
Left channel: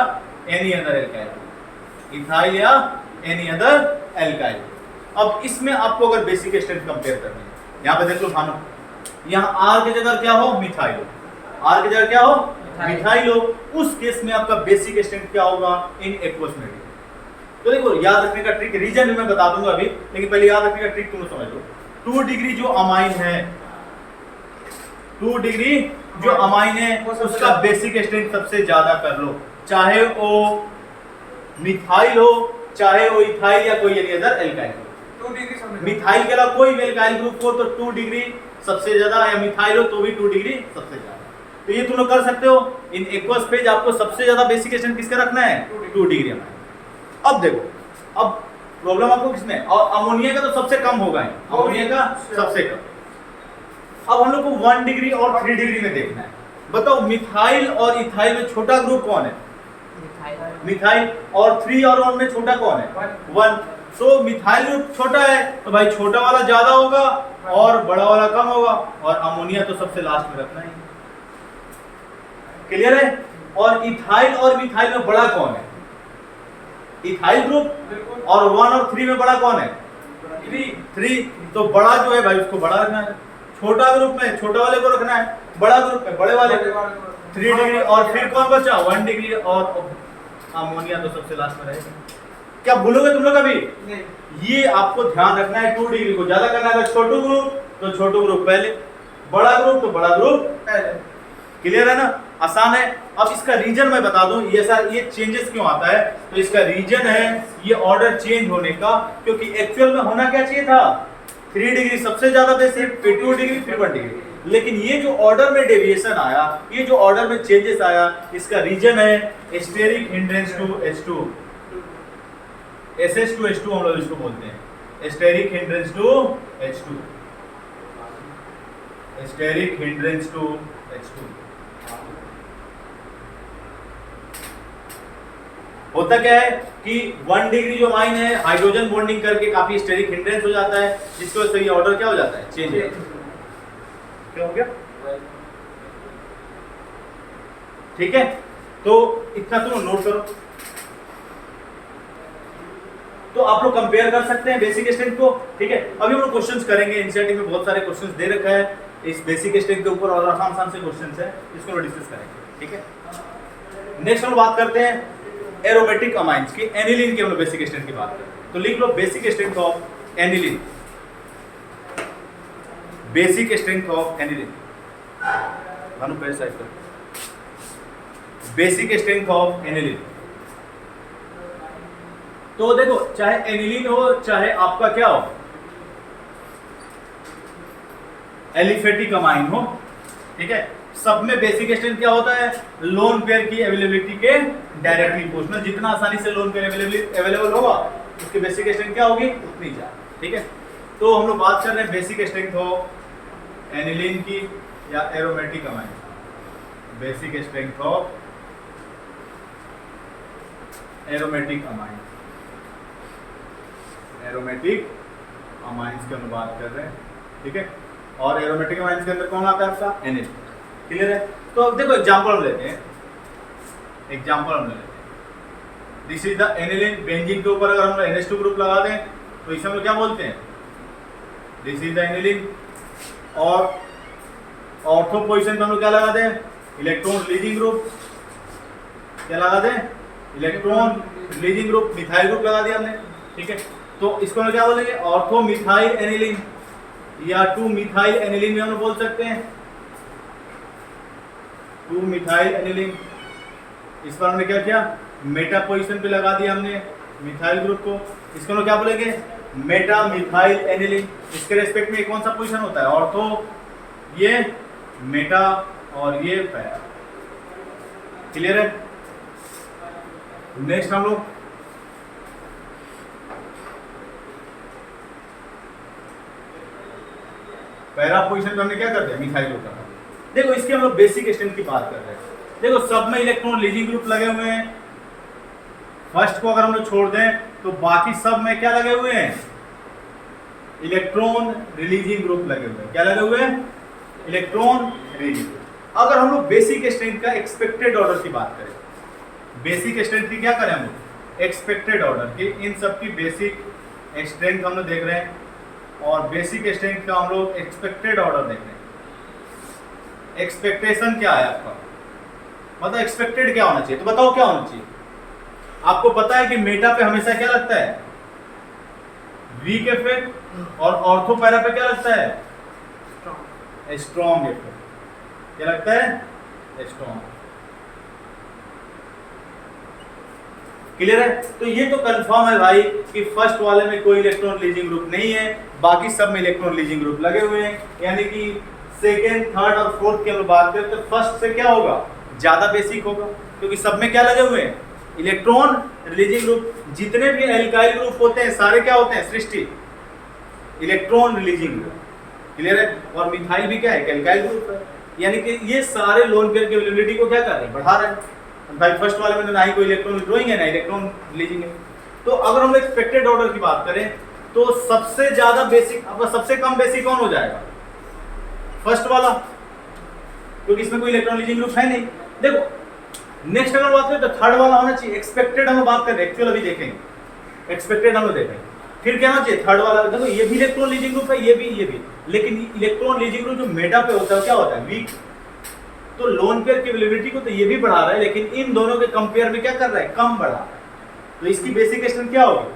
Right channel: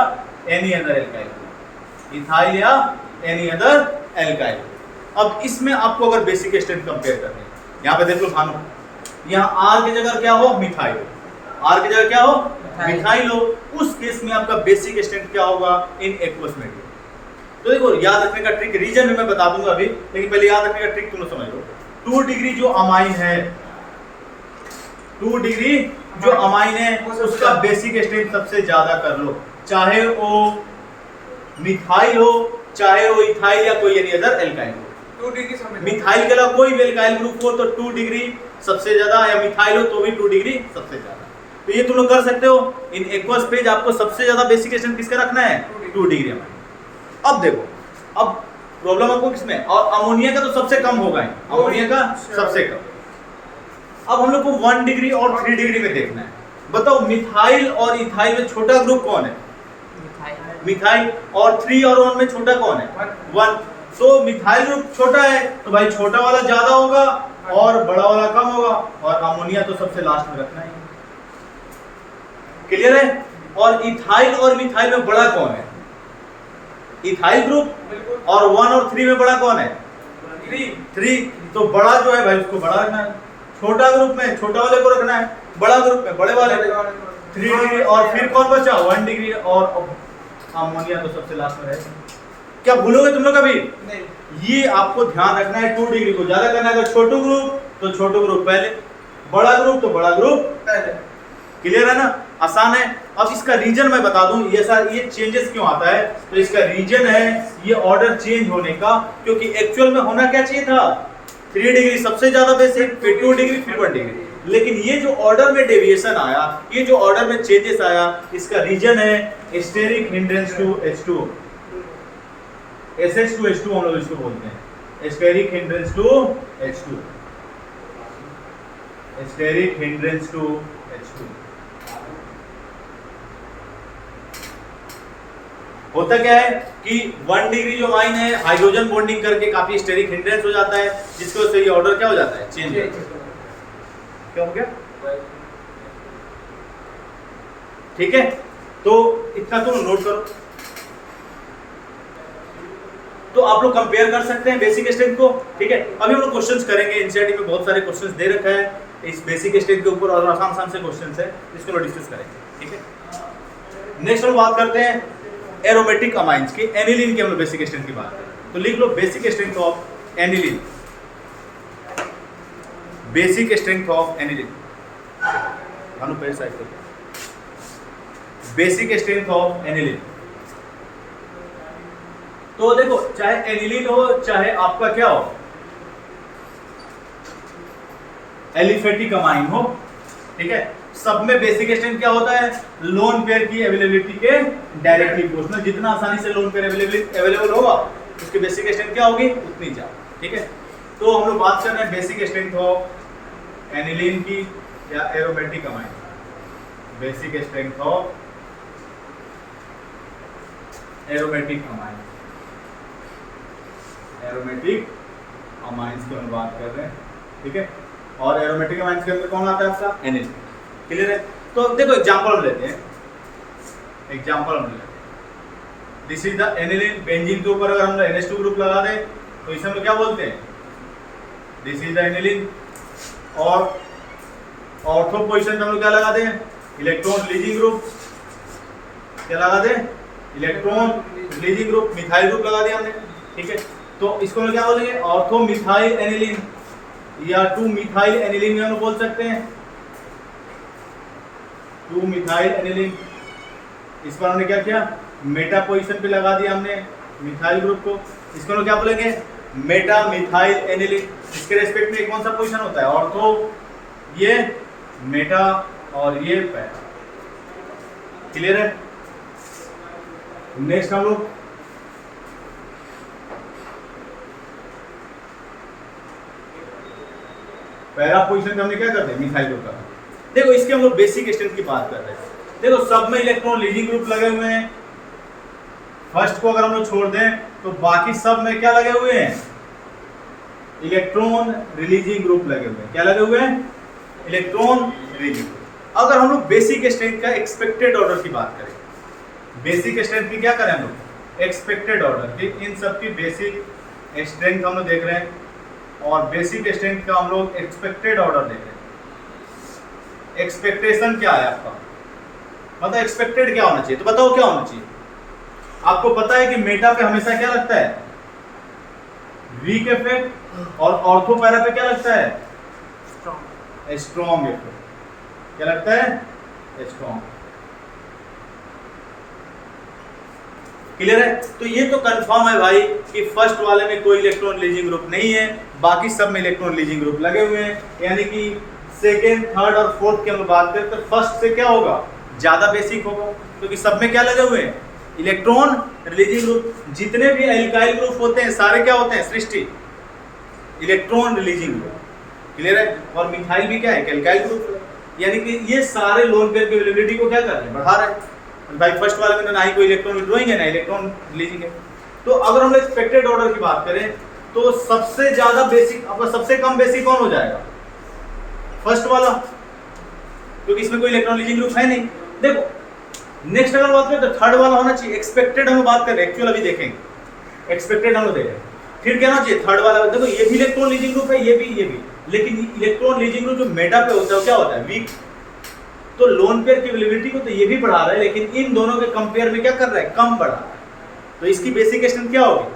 any other alkyl group. Ethyl या एनी अदर एल्काइल। अब इसमें आपको अगर बेसिक स्ट्रेंथ कंपेयर करनी है, यहाँ पे देख लो भानु, यहाँ R की जगह क्या हो? मिथाइल। R की जगह क्या हो? मिथाइल हो। उस केस में आपका बेसिक स्ट्रेंथ क्या होगा? In aqueous medium. तो देखो याद रखने का ट्रिक, रीजन भी मैं बता दूंगा अभी, लेकिन पहले याद रखने का ट्रिक तुम लोग समझ लो। 2 डिग्री जो अमाइन है, 2 डिग्री जो अमाइन है उसका बेसिक स्ट्रेंथ सबसे ज्यादा कर लो, चाहे वो मिथाइल हो, चाहे वो इथाइल या कोई एनी अदर एल्काइल हो। 2 डिग्री समझ। मिथाइल के अलावा कोई भी एल्काइल ग्रुप हो तो 2 डिग्री सबसे ज्यादा, या मिथाइल हो तो भी 2 डिग्री सबसे ज्यादा। तो ये तुम लोग कर सकते हो। इन एक्वस फेज आपको सबसे ज्यादा बेसिक स्ट्रेंथ किसका रखना है? 2 डिग्री अमाइन। अब देखो, अब प्रॉब्लम आपको किसमें? और अमोनिया का तो सबसे कम होगा, अमोनिया का सबसे कम। अब हम लोग को 1 डिग्री और 3 डिग्री में देखना है। बताओ मिथाइल और इथाइल में छोटा ग्रुप कौन है? मिथाइल। और 3 और 1 में छोटा कौन है? 1। सो मिथाइल ग्रुप छोटा है तो भाई छोटा वाला ज्यादा होगा और बड़ा वाला कम होगा, और अमोनिया तो सबसे लास्ट में रखना है। क्लियर है? और इथाइल और मिथाइल में बड़ा कौन है? Ethyl group. और 1 और 3 में बड़ा कौन है? 3। तो बड़ा जो है भाई उसको बड़ा रखना है, छोटा ग्रुप में छोटा वाले को रखना है, बड़ा ग्रुप में बड़े वाले। 3 डिग्री और फिर कौन बचा? 1 डिग्री और अमोनिया तो सबसे लास्ट में रहेगा। क्या भूलोगे तुम लोग कभी? नहीं। ये आपको ध्यान रखना है, 2 डिग्री को ज्यादा करना है। अगर छोटू ग्रुप तो छोटू ग्रुप पहले, बड़ा ग्रुप तो बड़ा ग्रुप पहले। क्लियर है ना? आसान है। अब इसका रीजन मैं बता दूं, ये चेंजेस क्यों आता है। तो इसका रीजन है ये ऑर्डर चेंज होने का, क्योंकि एक्चुअल में होना क्या चाहिए था? 3 डिग्री सबसे ज्यादा बेसिक, फिर 2 डिग्री, फिर 1 डिग्री। लेकिन ये जो ऑर्डर में डेविएशन आया, ये जो ऑर्डर में चेंजेस आया, इसका रीजन है steric hindrance to H2, SH2H2 हम लोग इसको बोलते हैं, steric hindrance to H2, steric hindrance to H2। होता क्या है कि 1 डिग्री जो अमाइन है हाइड्रोजन बॉन्डिंग करके काफी स्टेरिक हिंड्रेंस हो जाता है, जिसकी वजह से ये ऑर्डर क्या हो जाता है? चेंज हो जाता है। क्या हो गया? ठीक है, तो इतना तुम नोट करो। तो आप लोग कंपेयर कर सकते हैं बेसिक स्ट्रेंथ को। ठीक है, अभी हम लोग क्वेश्चंस करेंगे, एनसीईआरटी में बहुत सारे क्वेश्चंस दे रखा है इस बेसिक स्ट्रेंथ के ऊपर, और आसान से क्वेश्चंस है, इसको हम डिस्कस करेंगे। ठीक है, नेक्स्ट हम बात करते हैं एरोमेटिक अमाइंस की, एनिलीन की हम लोग बेसिक स्ट्रेंथ की बात करें। तो लिख लो basic strength of aniline, basic strength of aniline. भानु पेज साइड करो, बेसिक स्ट्रेंथ ऑफ एनिलीन। तो देखो, चाहे एनिलीन हो चाहे आपका क्या हो, एलिफेटिक अमाइन हो, ठीक है, सब में बेसिक स्ट्रेंथ क्या होता है? लोन पेयर की अवेलेबिलिटी के डायरेक्टली प्रोपोर्शनल। जितना आसानी से लोन पेयर अवेलेबल होगा उसकी बेसिक स्ट्रेंथ क्या होगी? उतनी ज्यादा। ठीक है, तो हम लोग बात कर रहे हैं बेसिक स्ट्रेंथ ऑफ एनिलीन की या aromatic amine, basic strength of aromatic amine, aromatic amines की हम बात कर रहे हैं। ठीक है, और एरोमेटिक अमाइंस के अंदर कौन आता है? आपका एनिलीन। क्लियर है? तो देखो एग्जांपल हम लेते हैं, एग्जांपल हम लेते हैं। This is the aniline. Benzene के ऊपर अगर हम NH2 ग्रुप लगा दें तो इसे हम लोग क्या बोलते हैं? This is the aniline. और ऑर्थो पोजीशन पे हम लोग क्या लगा दें? Electron releasing group. क्या लगा दें? Electron releasing group, methyl group लगा दिया हमने। ठीक है, तो इसको हम क्या बोलेंगे? ऑर्थो मिथाइल एनिलीन या 2 मिथाइल एनिलीन भी हम लोग बोल सकते हैं, 2 मिथाइल एनिलीन। इस पर हमने क्या किया? मेटा पोजीशन पे लगा दिया हमने मिथाइल ग्रुप को, इसको हम क्या बोलेंगे? Meta methyl aniline. इसके रेस्पेक्ट में कौन सा पोजीशन होता है? ऑर्थो, ये मेटा और ये पैरा। क्लियर है? नेक्स्ट हम लोग पैरा पोजीशन पे हमने क्या करते हैं? मिथाइल ग्रुप का। देखो इसके हम लोग बेसिक स्ट्रेंथ की बात कर रहे हैं। देखो सब में इलेक्ट्रॉन रिलीजिंग ग्रुप लगे हुए हैं, फर्स्ट को अगर हम लोग छोड़ दें तो बाकी सब में क्या लगे हुए हैं? इलेक्ट्रॉन रिलीजिंग ग्रुप लगे हुए हैं। क्या लगे हुए हैं? Electron releasing. अगर हम लोग बेसिक स्ट्रेंथ का एक्सपेक्टेड ऑर्डर की बात करें, बेसिक स्ट्रेंथ की क्या करें हम लोग? एक्सपेक्टेड ऑर्डर की। इन सब की बेसिक स्ट्रेंथ हम लोग देख रहे हैं और बेसिक स्ट्रेंथ का हम लोग एक्सपेक्टेड ऑर्डर देख रहे हैं। एक्सपेक्टेशन क्या है आपका? मतलब एक्सपेक्टेड क्या होना चाहिए? तो बताओ क्या होना चाहिए? आपको पता है कि मेटा पे हमेशा क्या लगता है? Weak effect. और ऑर्थो पैरा पे क्या लगता है? Strong effect. क्या लगता है? स्ट्रॉन्ग। क्लियर है? तो ये तो कंफर्म है भाई कि फर्स्ट वाले में कोई इलेक्ट्रॉन रिलीजिंग ग्रुप नहीं है, बाकी सब में इलेक्ट्रॉन रिलीजिंग ग्रुप लगे हुए हैं। यानी कि सेकेंड, थर्ड और फोर्थ की हम बात करें तो फर्स्ट से क्या होगा? ज्यादा बेसिक होगा, क्योंकि सब में क्या लगे हुए हैं? Electron releasing group. जितने भी एल्काइल ग्रुप होते हैं सारे क्या होते हैं? सृष्टि इलेक्ट्रॉन रिलीजिंग ग्रुप। क्लियर है? और मिथाइल भी क्या है? Alkyl group. यानी कि ये सारे लोन पेयर की अवेलेबिलिटी को क्या कर रहे हैं? बढ़ा रहे हैं। भाई फर्स्ट वाले में तो ना ही कोई इलेक्ट्रॉन विड्रॉइंग है ना इलेक्ट्रॉन रिलीजिंग है। तो अगर हम एक्सपेक्टेड ऑर्डर की बात करें तो सबसे ज्यादा बेसिक, आपका सबसे कम बेसिक कौन हो जाएगा? फर्स्ट वाला, क्योंकि इसमें कोई इलेक्ट्रॉन रिलीजिंग ग्रुप है नहीं। देखो नेक्स्ट अगर बात करें तो थर्ड वाला होना चाहिए एक्सपेक्टेड, हम बात करें एक्चुअल अभी देखेंगे, एक्सपेक्टेड हम लोग देखेंगे। फिर क्या होना चाहिए थर्ड वाला, देखो ये भी इलेक्ट्रॉन लीजिंग ग्रुप है, ये भी, लेकिन इलेक्ट्रॉन लीजिंग ग्रुप जो मेटा पे होता है क्या होता है, वीक। तो लोन पेयर की अवेलेबिलिटी को तो ये भी बढ़ा रहा है, लेकिन इन दोनों के कंपेयर में क्या कर रहा है, कम बढ़ा रहा है। तो इसकी बेसिक स्ट्रेंथ क्या होगी,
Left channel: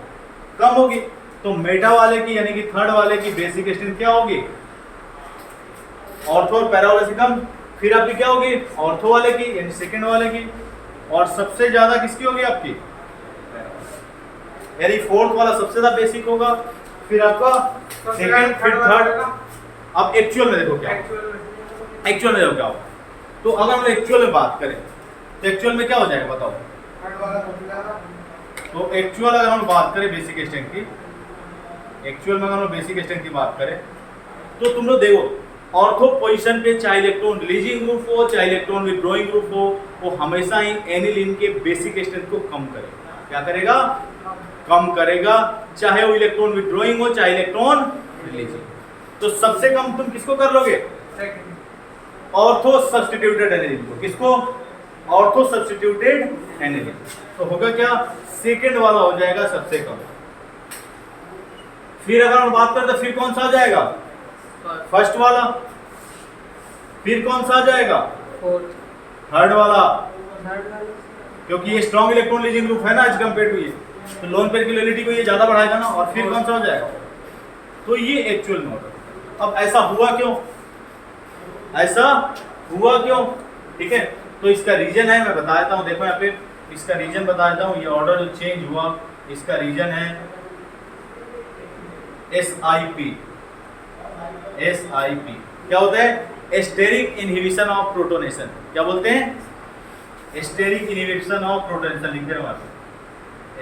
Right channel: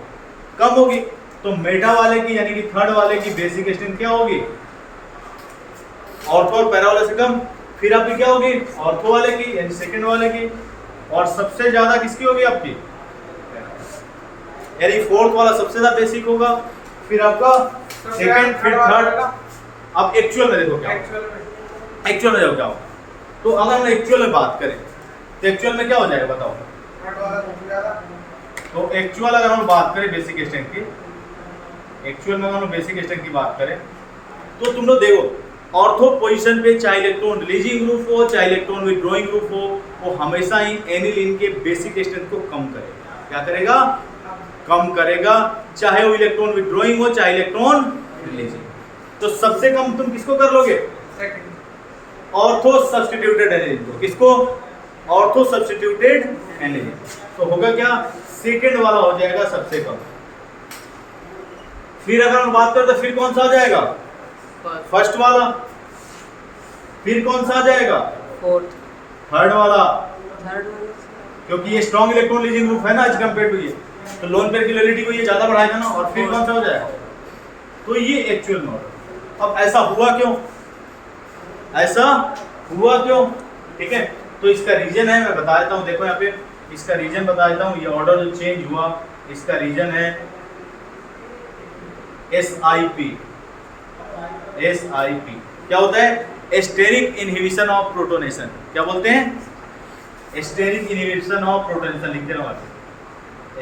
कम होगी। तो मेटा वाले की यानी कि थर्ड वाले की बेसिक स्ट्रेंथ क्या होगी, ऑर्थो और पैरा वाले से कम। फिर आपकी क्या होगी, ऑर्थो वाले की यानी सेकंड वाले की, और सबसे ज्यादा किसकी होगी आपकी, यानी फोर्थ वाला सबसे ज्यादा बेसिक होगा, फिर आपका सेकंड, फिर थर्ड। अब एक्चुअल में देखो क्या, एक्चुअल में देखो क्या होगा। तो अगर हम एक्चुअल में बात करें तो एक्चुअल में क्या हो जाएगा बताओ। तो एक्चुअल अगर हम बात करें बेसिक स्ट्रेंथ की, एक्चुअल में अगर हम बेसिक स्ट्रेंथ की बात करें तो तुम लोग देखो ऑर्थो पोजीशन पे चाहे इलेक्ट्रॉन रिलीजिंग ग्रुप हो चाहे इलेक्ट्रॉन विथड्रॉइंग ग्रुप हो, वो हमेशा ही एनिलीन के बेसिक स्ट्रेंथ को कम करेगा। क्या करेगा, कम करेगा, चाहे वो इलेक्ट्रॉन विथड्रॉइंग हो चाहे इलेक्ट्रॉन रिलीजिंग। तो सबसे कम तुम किसको कर लोगे, ऑर्थो सब्स्टिट्यूटेड एनिलीन को। किसको, ऑर्थो सब्स्टिट्यूटेड एनिलीन। तो होगा क्या, सेकंड वाला हो जाएगा सबसे कम। फिर अगर हम बात करें तो फिर कौन सा आ जाएगा, फर्स्ट वाला। फिर कौन सा आ जाएगा, फोर्थ, थर्ड वाला, थर्ड वाला, क्योंकि ये स्ट्रॉन्ग इलेक्ट्रॉन लीजिंग ग्रुप है ना एज कंपेयर टू ये, तो लोन पेयर की रिलेटिविटी को ये ज्यादा बढ़ाएगा ना। और फिर कौन सा हो जाएगा, तो ये एक्चुअल में ऑर्डर। अब ऐसा हुआ क्यों, ऐसा हुआ क्यों, ठीक है। तो इसका रीजन है, मैं बता देता हूँ, देखो यहाँ पे इसका रीजन बता देता हूँ। ये ऑर्डर जो चेंज हुआ इसका रीजन है SIP। SIP क्या होता है, स्टेरिक इनहिबिशन ऑफ प्रोटोनेशन। क्या बोलते हैं, स्टेरिक इनहिबिशन ऑफ प्रोटोनेशन। लिखते रहो आप,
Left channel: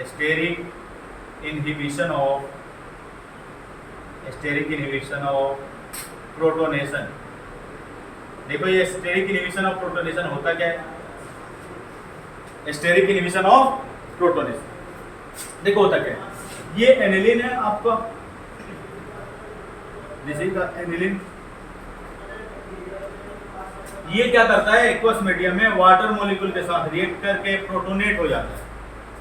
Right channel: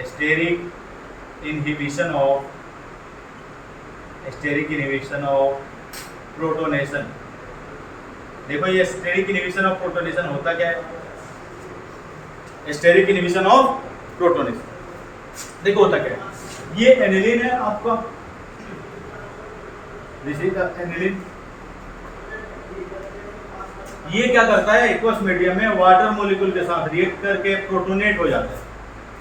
steric inhibition of, steric inhibition of protonation. देखो ये स्टेरिक इनहिबिशन ऑफ प्रोटोनेशन होता क्या है, स्टेरिक इनहिबिशन ऑफ प्रोटोनेशन देखो होता क्या है। ये एनिलीन है आपका, दिस इज द एनिलीन। ये क्या करता है, एक्वस मीडियम में वाटर मॉलिक्यूल के साथ रिएक्ट करके प्रोटोनेट हो जाता है।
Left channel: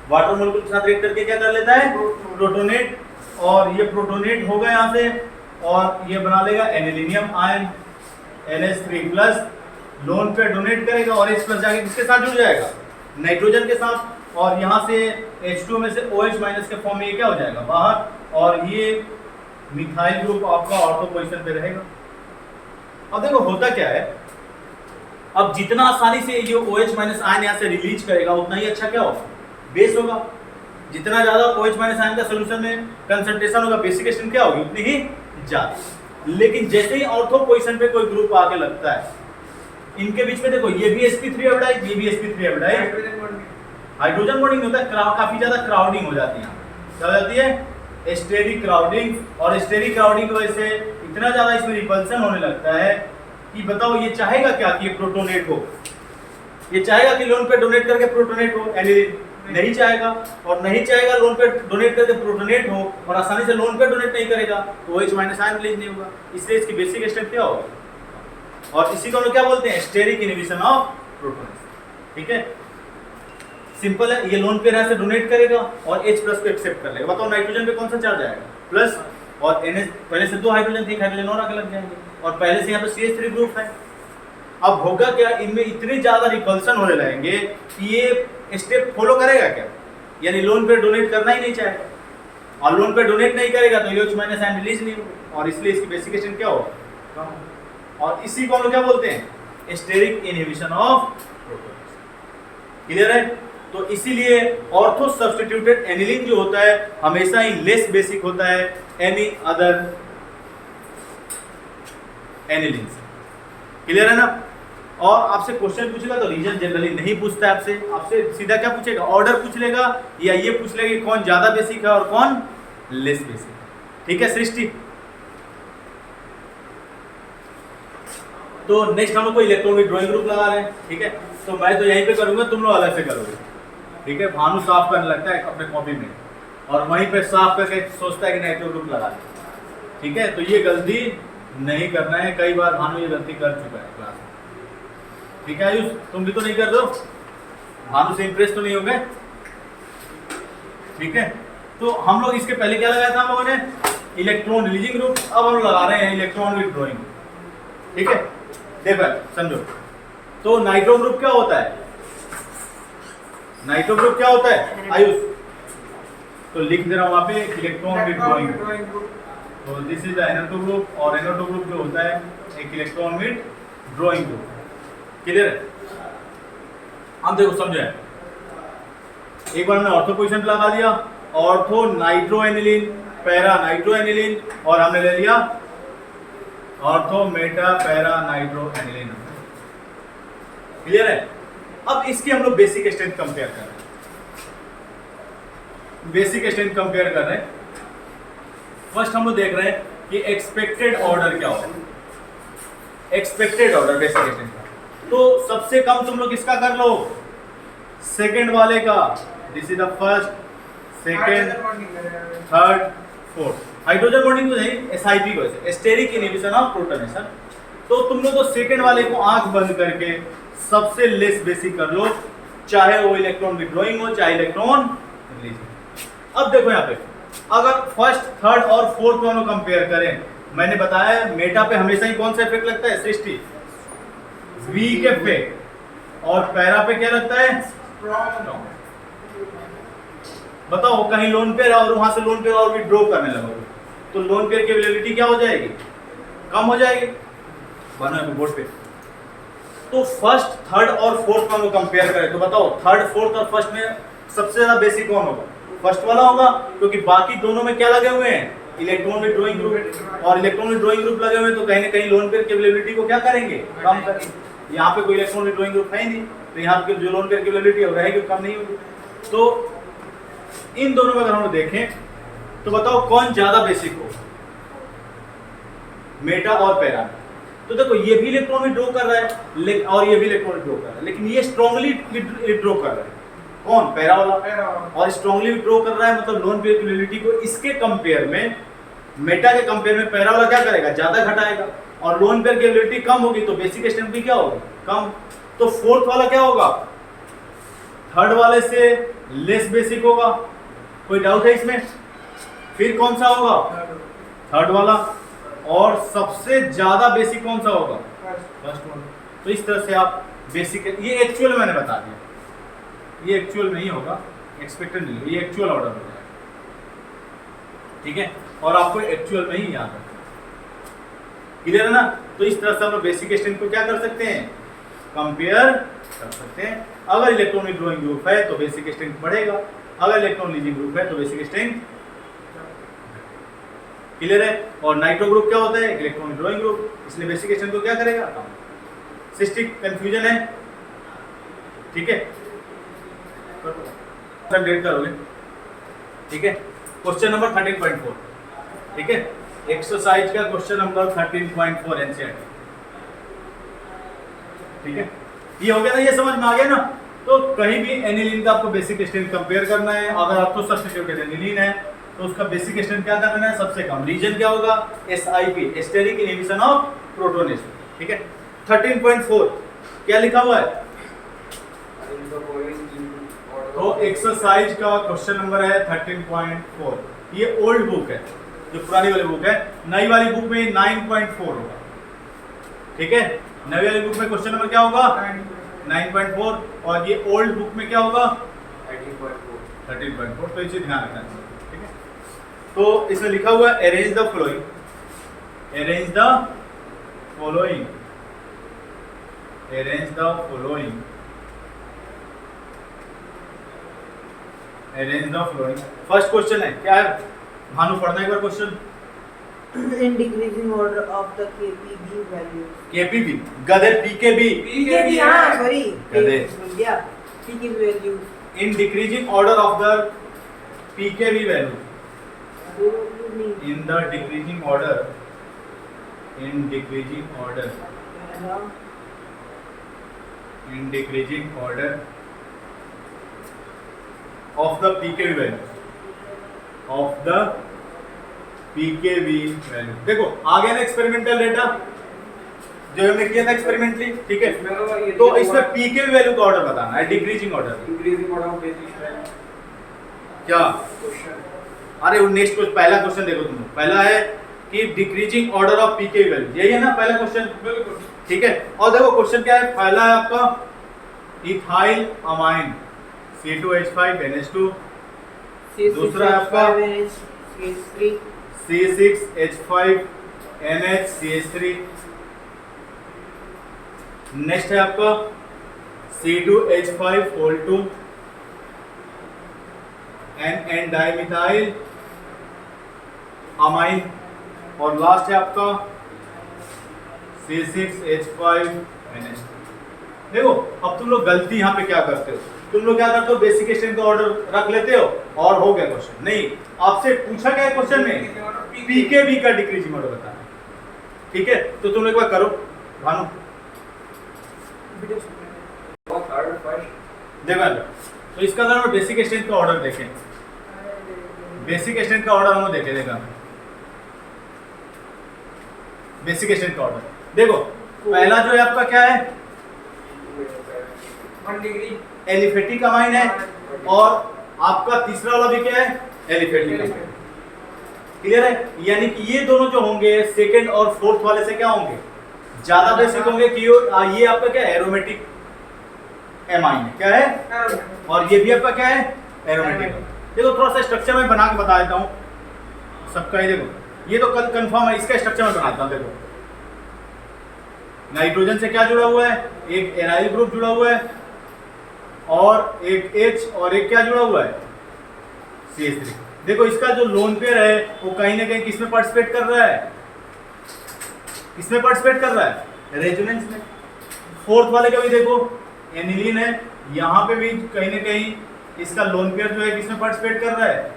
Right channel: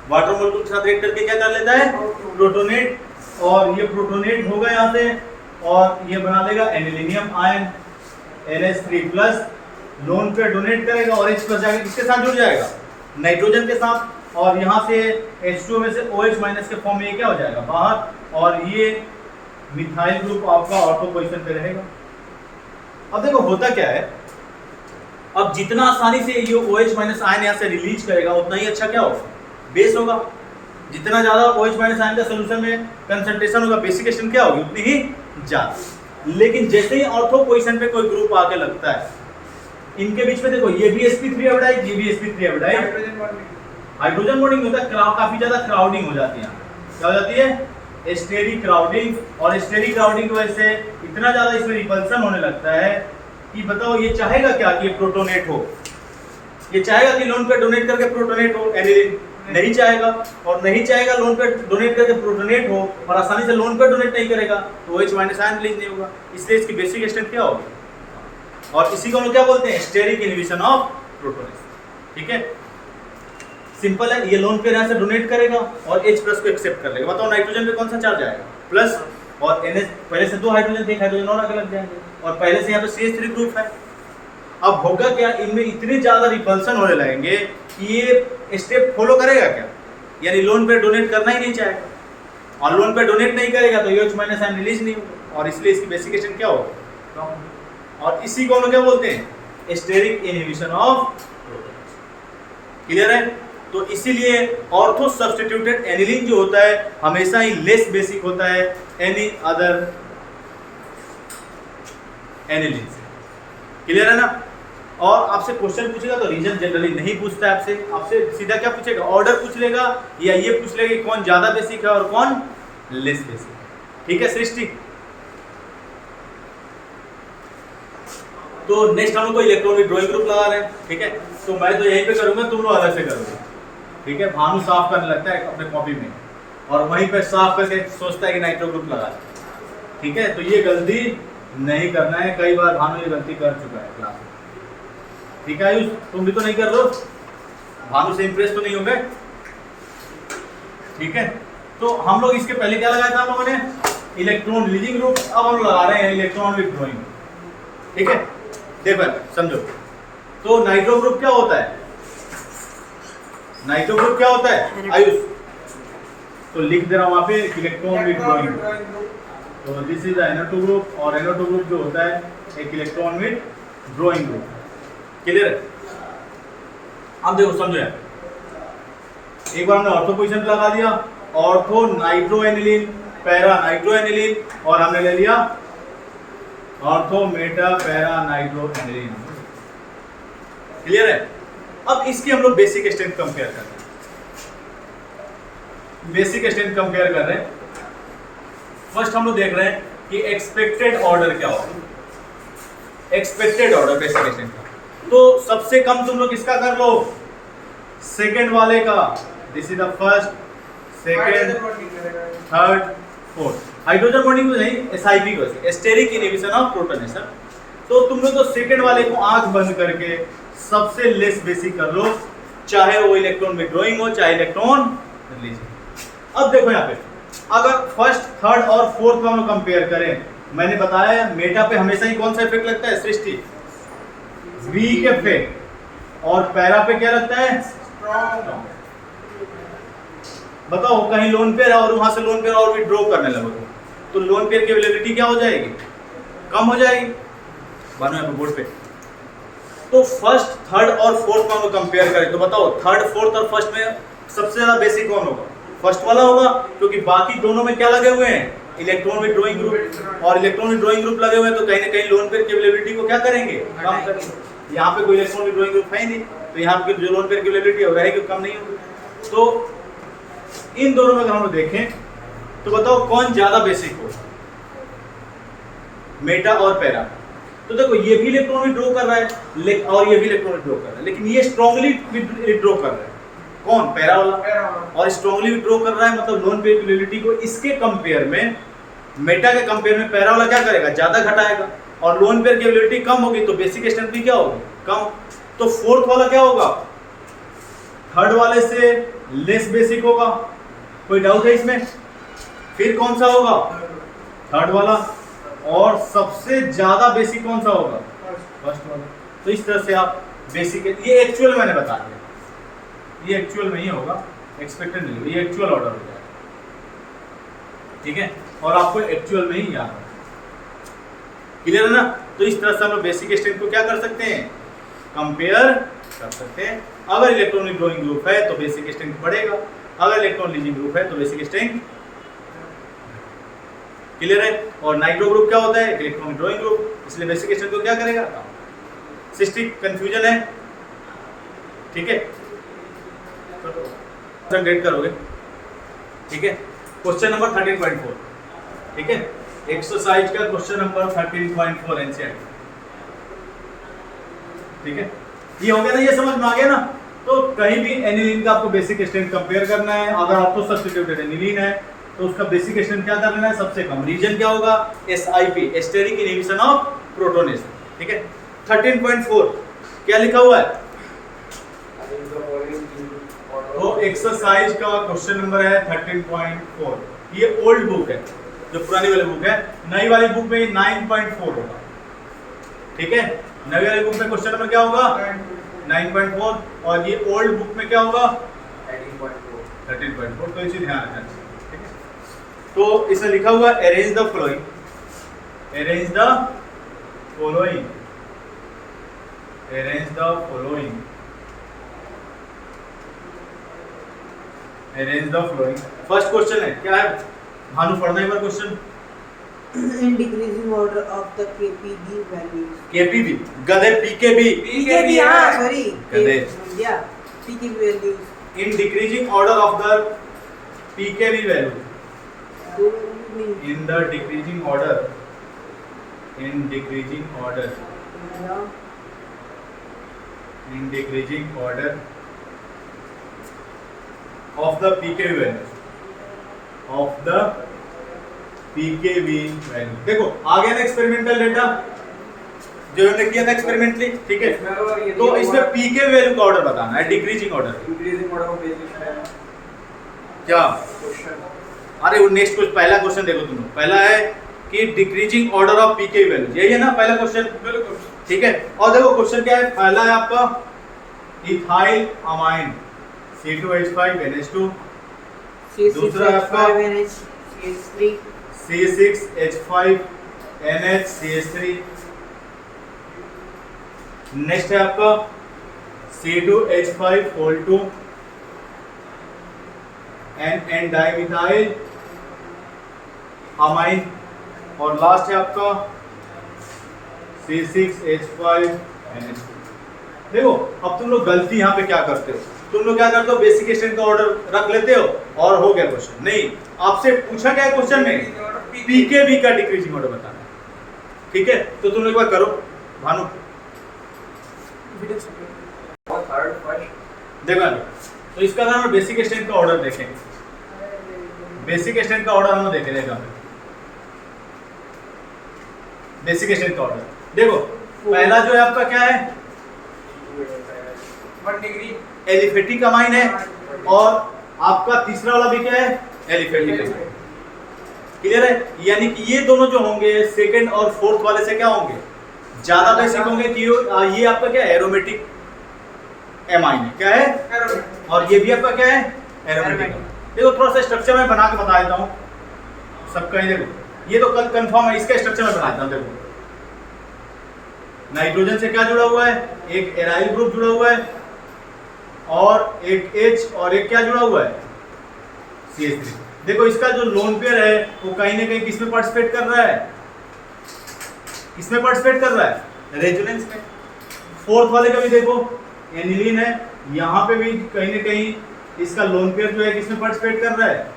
वाटर मॉलिक्यूल के साथ रिएक्ट करके क्या कर लेता है, प्रोटोनेट। और ये प्रोटोनेट होगा यहाँ से और ये बना लेगा एनिलीनियम आयन NH3+, लोन पे डोनेट करेगा और H+ जाके किसके साथ जुड़ जाएगा, नाइट्रोजन के साथ। और यहाँ से H2 में से OH- के फॉर्म में ये क्या हो जाएगा बाहर, और ये मिथाइल ग्रुप आपका ऑर्थो पोजीशन पे रहेगा। अब देखो होता क्या है, अब जितना आसानी से ये OH- आयन यहाँ से रिलीज करेगा उतना ही अच्छा क्या होगा, बेस होगा। जितना ज्यादा OH- आयन का सोल्यूशन में कंसंट्रेशन होगा, बेसिक स्ट्रेंथ क्या होगी उतनी ही ज्यादा। लेकिन जैसे ही ऑर्थो पोजीशन पे कोई ग्रुप आके लगता है, इनके बीच में देखो ये भी sp3 एल्डिहाइड, ये भी sp3 एल्डिहाइड, हाइड्रोजन बॉन्डिंग होता है, काफी ज्यादा क्राउडिंग हो जाती है। क्या हो जाती है, स्टेरिक क्राउडिंग। और स्टेरिक क्राउडिंग की वजह से इतना ज्यादा इसमें रिपल्सन होने लगता है कि बताओ ये चाहेगा क्या कि ये प्रोटोनेट हो, ये चाहेगा कि लोन पे डोनेट करके प्रोटोनेट हो, एनिलीन नहीं चाहेगा। और नहीं चाहेगा लोन पे डोनेट करके प्रोटोनेट हो, और आसानी से लोन पे डोनेट नहीं करेगा तो OH- आयन रिलीज नहीं होगा। इसलिए इसकी बेसिक स्ट्रेंथ क्या होगी, और इसी को हम क्या बोलते हैं, स्टेरिक इनहिबिशन ऑफ प्रोटोनेशन। ठीक है, सिंपल है। ये लोन पे यहाँ से डोनेट करेगा और H+ को एक्सेप्ट कर लेगा। बताओ नाइट्रोजन पे कौन सा चार्ज आएगा, प्लस, और NH पहले से 2 हाइड्रोजन थे, एक हाइड्रोजन और आगे लग जाएंगे, और पहले से यहाँ पे CH3 ग्रुप है। अब होगा क्या, इनमें इतने ज्यादा रिपल्सन होने लगेंगे कि ये स्टेप फॉलो करेगा क्या, यानी लोन पे डोनेट करना ही नहीं चाहेगा, और लोन पे डोनेट नहीं करेगा तो OH- आयन रिलीज नहीं होगा, और इसलिए इसकी बेसिक स्ट्रेंथ क्या होगा, और इसी को हम लोग क्या बोलते हैं, steric inhibition of protonation. Clear है। तो इसीलिए ऑर्थो सब्स्टिट्यूटेड एनिलीन जो होता है हमेशा ही लेस बेसिक होता है एनी अदर एनिलीन से। क्लियर है ना। और आपसे क्वेश्चन पूछेगा तो रीजन जनरली नहीं पूछता है आपसे, आपसे सीधा क्या पूछेगा, ऑर्डर पूछ लेगा, या ये पूछ लेगा कि कौन ज्यादा बेसिक है और कौन लेस बेसिक। ठीक है सृष्टि। तो नेक्स्ट हम लोग को इलेक्ट्रॉन विथड्रॉइंग ग्रुप लगा रहे हैं। ठीक है, तो मैं तो यहीं पे करूंगा, तुम लोग अलग से करोगे। ठीक है, भानु साफ करने लगता है अपने कॉपी में, और वहीं पे साफ करके सोचता है कि नाइट्रो ग्रुप लगा दे। ठीक है, तो ये गलती नहीं करना है। कई बार भानु ये गलती कर चुका है क्लास में। ठीक है आयुष, तुम भी तो नहीं कर दो। भानु से इंप्रेस तो नहीं हो गए? ठीक है, तो हम लोग इसके पहले क्या लगाया था हम लोगों ने? Electron releasing group. अब हम लगा रहे हैं इलेक्ट्रॉन विथड्रॉइंग। ठीक है, देखो समझो, तो नाइट्रो ग्रुप क्या होता है? नाइट्रो ग्रुप क्या होता है आयुष? तो लिख दे रहा हूं वहां पे इलेक्ट्रॉन विथड्रॉइंग। तो this is the NO2 group, और NO2 ग्रुप जो होता है एक इलेक्ट्रॉन विथड्रॉइंग ग्रुप। क्लियर है? अब देखो समझो, एक बार हमने ऑर्थो पोजीशन पे लगा दिया, ortho nitro aniline, para nitro aniline, और हमने ले लिया ortho Meta para nitro aniline. Clear है? अब इसकी हम लोग बेसिक स्ट्रेंथ कंपेयर कर रहे हैं। बेसिक स्ट्रेंथ कंपेयर कर रहे हैं। फर्स्ट हम लोग देख रहे हैं कि एक्सपेक्टेड ऑर्डर क्या होगा। एक्सपेक्टेड ऑर्डर बेसिक स्ट्रेंथ का, तो सबसे कम तुम लोग किसका कर लो? सेकंड वाले का। This is the first, second, third, fourth. Hydrogen bonding तो नहीं, SIP को से स्टेरिक इनहिबिशन ऑफ प्रोटोनेशन। तो तुम लोग तो सेकंड वाले को आंख बंद करके सबसे लेस बेसिक कर लो, चाहे वो इलेक्ट्रॉन विथड्रॉइंग हो चाहे इलेक्ट्रॉन रिलीजिंग। अब देखो यहाँ पे, अगर फर्स्ट, थर्ड और फोर्थ को हम लोग कंपेयर करें, मैंने बताया मेटा पे हमेशा ही कौन सा इफेक्ट लगता है? सृष्टि, वीक इफेक्ट। और पैरा पे क्या लगता है? स्ट्रॉन्ग। बताओ, कहीं लोन पेयर और वहां से लोन पेयर और विथड्रॉ करने लगो तो लोन पेयर की अवेलेबिलिटी क्या हो जाएगी? कम हो जाएगी। बना है बोर्ड पे। तो फर्स्ट, थर्ड और फोर्थ को हम लोग कंपेयर करें तो बताओ, थर्ड, फोर्थ और फर्स्ट में सबसे ज्यादा बेसिक कौन होगा? फर्स्ट वाला होगा, क्योंकि बाकी दोनों में क्या लगे हुए हैं? Electron withdrawing group. और इलेक्ट्रॉन विथड्रॉइंग ग्रुप लगे हुए हैं तो कहीं ना कहीं लोन पेयर की अवेलेबिलिटी को क्या करेंगे? कम करेंगे। यहाँ पे कोई इलेक्ट्रॉन विथड्रॉइंग ग्रुप है ही नहीं, तो यहाँ पे जो लोन पेयर की अवेलेबिलिटी है रहेगी, कम नहीं होगी। तो इन दोनों में अगर हम लोग देखें तो बताओ कौन ज्यादा बेसिक हो? मेटा और पैरा। तो देखो, ये भी इलेक्ट्रॉन विथड्रॉ कर रहा है और ये भी इलेक्ट्रॉन विथड्रॉ कर रहा है, लेकिन ये स्ट्रांगली विथड्रॉ कर रहा है। कौन? पैरा वाला। और स्ट्रांगली विथड्रॉ कर रहा है, मतलब लोन पेयर की अवेलेबिलिटी को इसके कंपेयर में, मेटा के कंपेयर में पैरा वाला क्या करेगा? ज्यादा घटाएगा। और लोन पेयर की अवेलेबिलिटी कम होगी तो बेसिक स्ट्रेंथ भी क्या होगी? कम। तो फोर्थ वाला क्या होगा? थर्ड वाले से लेस बेसिक होगा। कोई डाउट है इसमें? फिर कौन सा होगा? थर्ड वाला। और सबसे ज्यादा बेसिक कौन सा होगा? फर्स्ट वाला। तो इस तरह से आप बेसिक, ये एक्चुअल मैंने बता दिया, ये एक्चुअल में ही होगा, एक्सपेक्टेड नहीं, ये एक्चुअल ऑर्डर हो जाएगा। ठीक है, और आपको एक्चुअल में ही याद है। क्लियर है ना? तो इस तरह से हम बेसिक स्ट्रेंथ को क्या कर सकते हैं? कंपेयर कर सकते हैं। अगर इलेक्ट्रॉन विथड्रॉइंग ग्रुप है तो बेसिक स्ट्रेंथ बढ़ेगा, अगर इलेक्ट्रॉन रिलीजिंग ग्रुप है तो बेसिक स्ट्रेंथ। क्लियर है? और नाइट्रो ग्रुप क्या होता है? इलेक्ट्रॉन विथड्रॉइंग ग्रुप, इसलिए बेसिक स्ट्रेंथ को क्या करेगा? कम। सिस्टिक कंफ्यूजन है? ठीक है, सब ग्रेड करोगे। ठीक है, क्वेश्चन नंबर 13.4। ठीक है, एक्सरसाइज का क्वेश्चन नंबर 13.4 एनसीईआरटी। ठीक है, ये हो गया ना? ये समझ में आ गया ना? तो कहीं भी एनिलीन का आपको बेसिक स्ट्रेंथ कंपेयर करना है, अगर आपको सब्स्टिट्यूटेड एनिलीन है तो उसका बेसिक स्ट्रेंथ क्या करना है? सबसे कम। रीजन क्या होगा? SIP, steric inhibition of protonation. ठीक है, 13.4 क्या लिखा हुआ है? तो एक्सरसाइज का क्वेश्चन नंबर है 13.4। ये ओल्ड बुक है, जो पुरानी वाली बुक है। नई वाली बुक में 9.4 होगा। ठीक है, नई वाली बुक में क्वेश्चन नंबर क्या होगा? 9.4। और ये ओल्ड बुक में क्या होगा? 13.4। तो इसे ध्यान रखना। ठीक है, तो इसमें लिखा हुआ है arrange the flowing, arrange the following, arrange the following, arrange the flowing. First question है, क्या है भानु? पढ़ना एक बार question. In decreasing order of the KPG values. KPB गधे PKB हाँ, sorry. गधे। Yeah, PKB values. In decreasing order of the PKB value, in the decreasing order, in decreasing order, in decreasing order of the PKB value, of the PKB value। देखो आ गया ना experimental data, जो हमने किया था experimentally, ठीक है। तो इसमें पीके वैल्यू का ऑर्डर बताना है, decreasing order. Increasing order of basic क्या? क्वेश्चन। अरे वो नेक्स्ट कुछ पहला क्वेश्चन देखो तुम लोग। पहला है कि decreasing order of pK value, यही है ना पहला क्वेश्चन? बिल्कुल ठीक है। और देखो क्वेश्चन क्या है, पहला है आपका इथाइल अमाइन C2H5NH2, दूसरा है आपका C6H5NH3, C6H5NHCH3, नेक्स्ट है आपका C2H5O2 NN डाइमिथाइल अमाइन, और लास्ट है आपका C6H5NH2। देखो अब तुम लोग गलती यहाँ पे क्या करते हो, तुम लोग क्या करते हो, बेसिक स्ट्रेंथ का ऑर्डर रख लेते हो और हो गया क्वेश्चन। नहीं, आपसे पूछा क्या है क्वेश्चन में, पीकेवी का डिक्रीजिंग ऑर्डर बताना है, ठीक है। तो तुम लोग एक बार करो भानु, थर्ड फर्स्ट देखो तो इसका अगर हम बेसिक स्ट्रेंथ का ऑर्डर देखें, बेसिक स्ट्रेंथ का ऑर्डर हम देखें, देखा बेसिक स्ट्रेंथ का ऑर्डर देखो। पहला जो है आपका क्या है, 1 डिग्री एलिफेटिक अमाइन है, और आपका तीसरा वाला भी क्या है, एलिफेटिक अमाइन। क्लियर है? यानी कि ये दोनों जो होंगे सेकंड और फोर्थ वाले से क्या होंगे, ज्यादा बेसिक होंगे कि ये आपका क्या है, एरोमेटिक एमाइन है, क्या है, और ये भी आपका क्या है, एरोमेटिक। देखो थोड़ा सा स्ट्रक्चर में बना के बता देता हूँ सबका ही। देखो ये तो कल कंफर्म है, इसका स्ट्रक्चर में बना देता हूँ। देखो नाइट्रोजन से क्या जुड़ा हुआ है, एक एराइल ग्रुप जुड़ा हुआ है, और एक H और एक क्या जुड़ा हुआ है, CH3। देखो इसका जो लोन पेयर है वो कहीं ना कहीं किसमें पार्टिसिपेट कर रहा है, किसमें पार्टिसिपेट कर रहा है, रेजोनेंस में। फोर्थ वाले का भी देखो एनिलीन है, यहाँ पे भी कहीं ना कहीं इसका लोन पेयर जो है किसमें पार्टिसिपेट कर रहा है,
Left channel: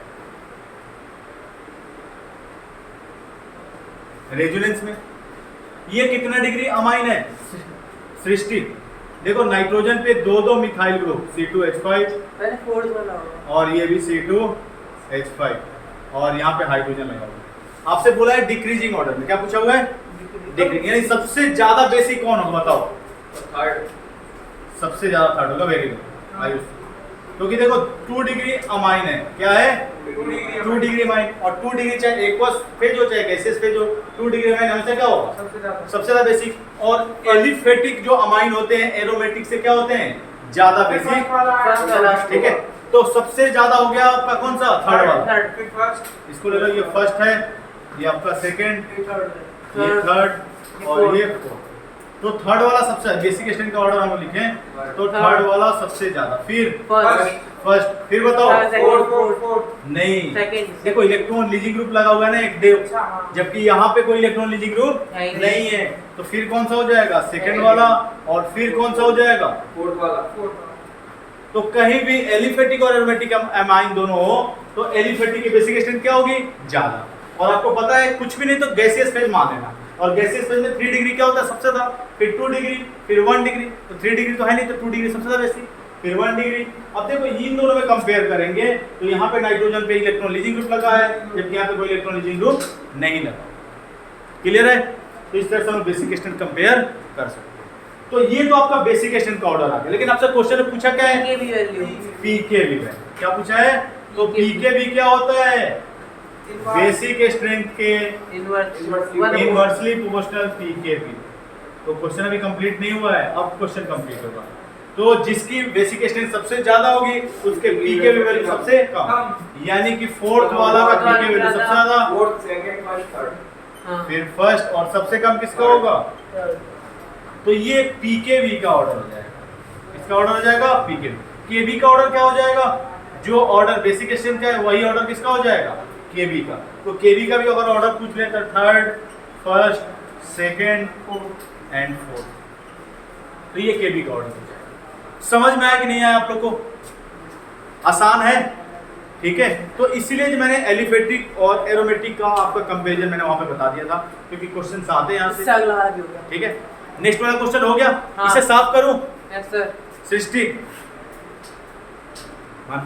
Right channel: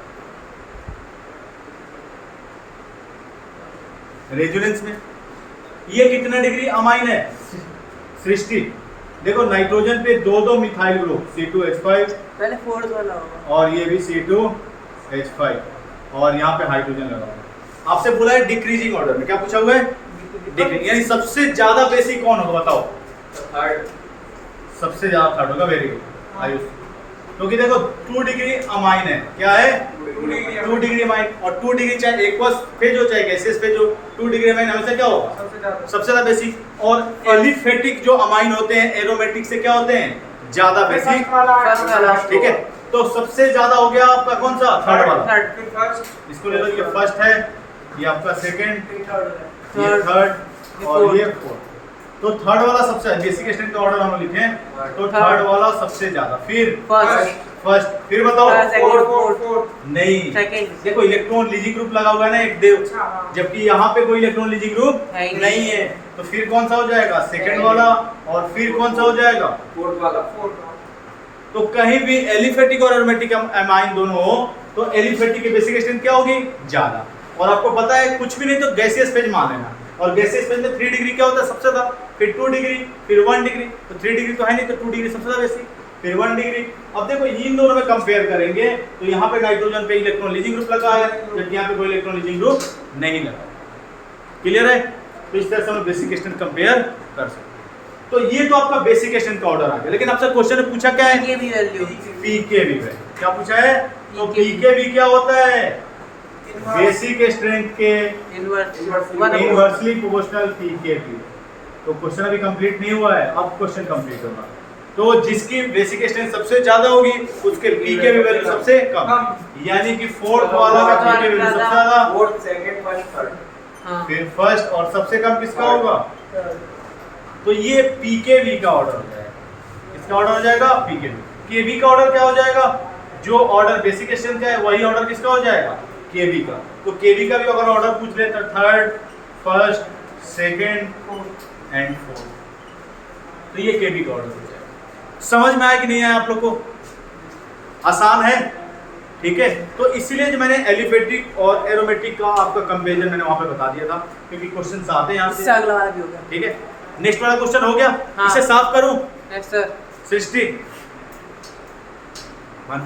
रेजोनेंस में। ये कितना डिग्री अमाइन है, 60। देखो नाइट्रोजन पे दो मिथाइल ग्रुप C2H5, पहले फोर्थ वाला होगा, और ये भी C2H5, और यहाँ पे हाइड्रोजन लगा हुआ। आपसे बोला है डिक्रीजिंग ऑर्डर में, क्या पूछा हुआ है, डिक्रीजिंग, यानी सबसे ज्यादा बेसिक कौन होगा बताओ, थर्ड सबसे ज्यादा थर्ड होगा। वेरी गुड आयुष, क्योंकि देखो 2 डिग्री अमाइन है, क्या है, 2 डिग्री अमाइन, और 2 डिग्री चाहे एक्वस फेज हो चाहे गैसियस फेज हो, 2 डिग्री अमाइन हमेशा क्या होगा, सबसे ज्यादा बेसिक। और एलिफेटिक जो अमाइन होते हैं एरोमेटिक से क्या होते हैं, ज्यादा बेसिक, फर्स्ट वाला, ठीक है। तो सबसे ज्यादा हो गया आपका कौन सा, थर्ड वाला। थर्ड, इसको ले लो, ये फर्स्ट है, ये आपका सेकंड, ये थर्ड, थर्ड, और ये फोर्थ। तो थर्ड वाला सबसे बेसिक स्ट्रेंथ का ऑर्डर हम लिखें तो थर्ड वाला सबसे ज्यादा, फिर फर्स्ट, फिर बताओ फोर्थ नहीं, सेकंड। देखो इलेक्ट्रॉन लीजिंग ग्रुप लगा हुआ है ना एक देव, जबकि यहाँ पे कोई इलेक्ट्रॉन लीजिंग ग्रुप नहीं है, तो फिर कौन सा हो जाएगा, सेकंड वाला, और फिर कौन सा हो जाएगा, फोर्थ वाला। तो कहीं भी एलिफेटिक और एरोमेटिक अमाइन दोनों हो तो एलिफेटिक की बेसिक स्ट्रेंथ क्या होगी, ज्यादा। और आपको पता है कुछ भी नहीं तो गैसियस फेज मान लेना, और गैसियस फेज में 3 डिग्री क्या होता है सबसे ज्यादा, फिर 2 डिग्री, फिर 1 डिग्री, तो 3 डिग्री तो है नहीं, तो 2 डिग्री सबसे ज्यादा बेसिक, फिर 1 डिग्री। अब देखो इन दोनों में कंपेयर करेंगे तो यहाँ पे नाइट्रोजन पे इलेक्ट्रॉन लीजिंग ग्रुप लगा है, जबकि यहाँ पे कोई इलेक्ट्रॉन लीजिंग ग्रुप नहीं लगा। क्लियर है? तो इस तरह से हम बेसिक स्ट्रेंथ कंपेयर कर सकते हैं। तो ये तो आपका बेसिक स्ट्रेंथ का ऑर्डर आ गया, लेकिन आपसे क्वेश्चन ने पूछा क्या है, पीकेवी वैल्यू, पीकेवी है, क्या पूछा है, तो पीकेवी क्या होता है, बेसिक स्ट्रेंथ के इनवर्सली प्रोपोर्शनल पीकेवी। तो क्वेश्चन अभी कंप्लीट नहीं हुआ है, अब क्वेश्चन कंप्लीट होगा। तो जिसकी बेसिक स्ट्रेंथ सबसे ज्यादा होगी उसके पीकेवी वैल्यू सबसे कम, यानी कि फोर्थ वाला का पीकेवी वैल्यू सबसे ज्यादा, फोर्थ, सेकंड, फर्स्ट, थर्ड। फिर फर्स्ट, और सबसे कम किसका होगा, तो ये पीकेवी का ऑर्डर हो जाएगा, इसका ऑर्डर हो जाएगा पीकेवी। केवी का ऑर्डर क्या हो जाएगा, जो ऑर्डर बेसिक स्ट्रेंथ का है वही ऑर्डर किसका हो जाएगा, केवी का। तो केवी का भी अगर ऑर्डर पूछ रहे तो third, first, second and fourth, तो ये केवी का ऑर्डर हो जाएगा। समझ में आया कि नहीं आया आप लोग को, आसान है, ठीक है। तो इसीलिए जो मैंने एलिफेटिक और एरोमेटिक का आपका कंपैरिजन मैंने वहां पे बता दिया था, क्योंकि क्वेश्चन आते हैं यहाँ से, अगला वाला भी हो गया, ठीक है। नेक्स्ट वाला क्वेश्चन हो गया, हाँ। इसे साफ करूं, यस सर, 60 वन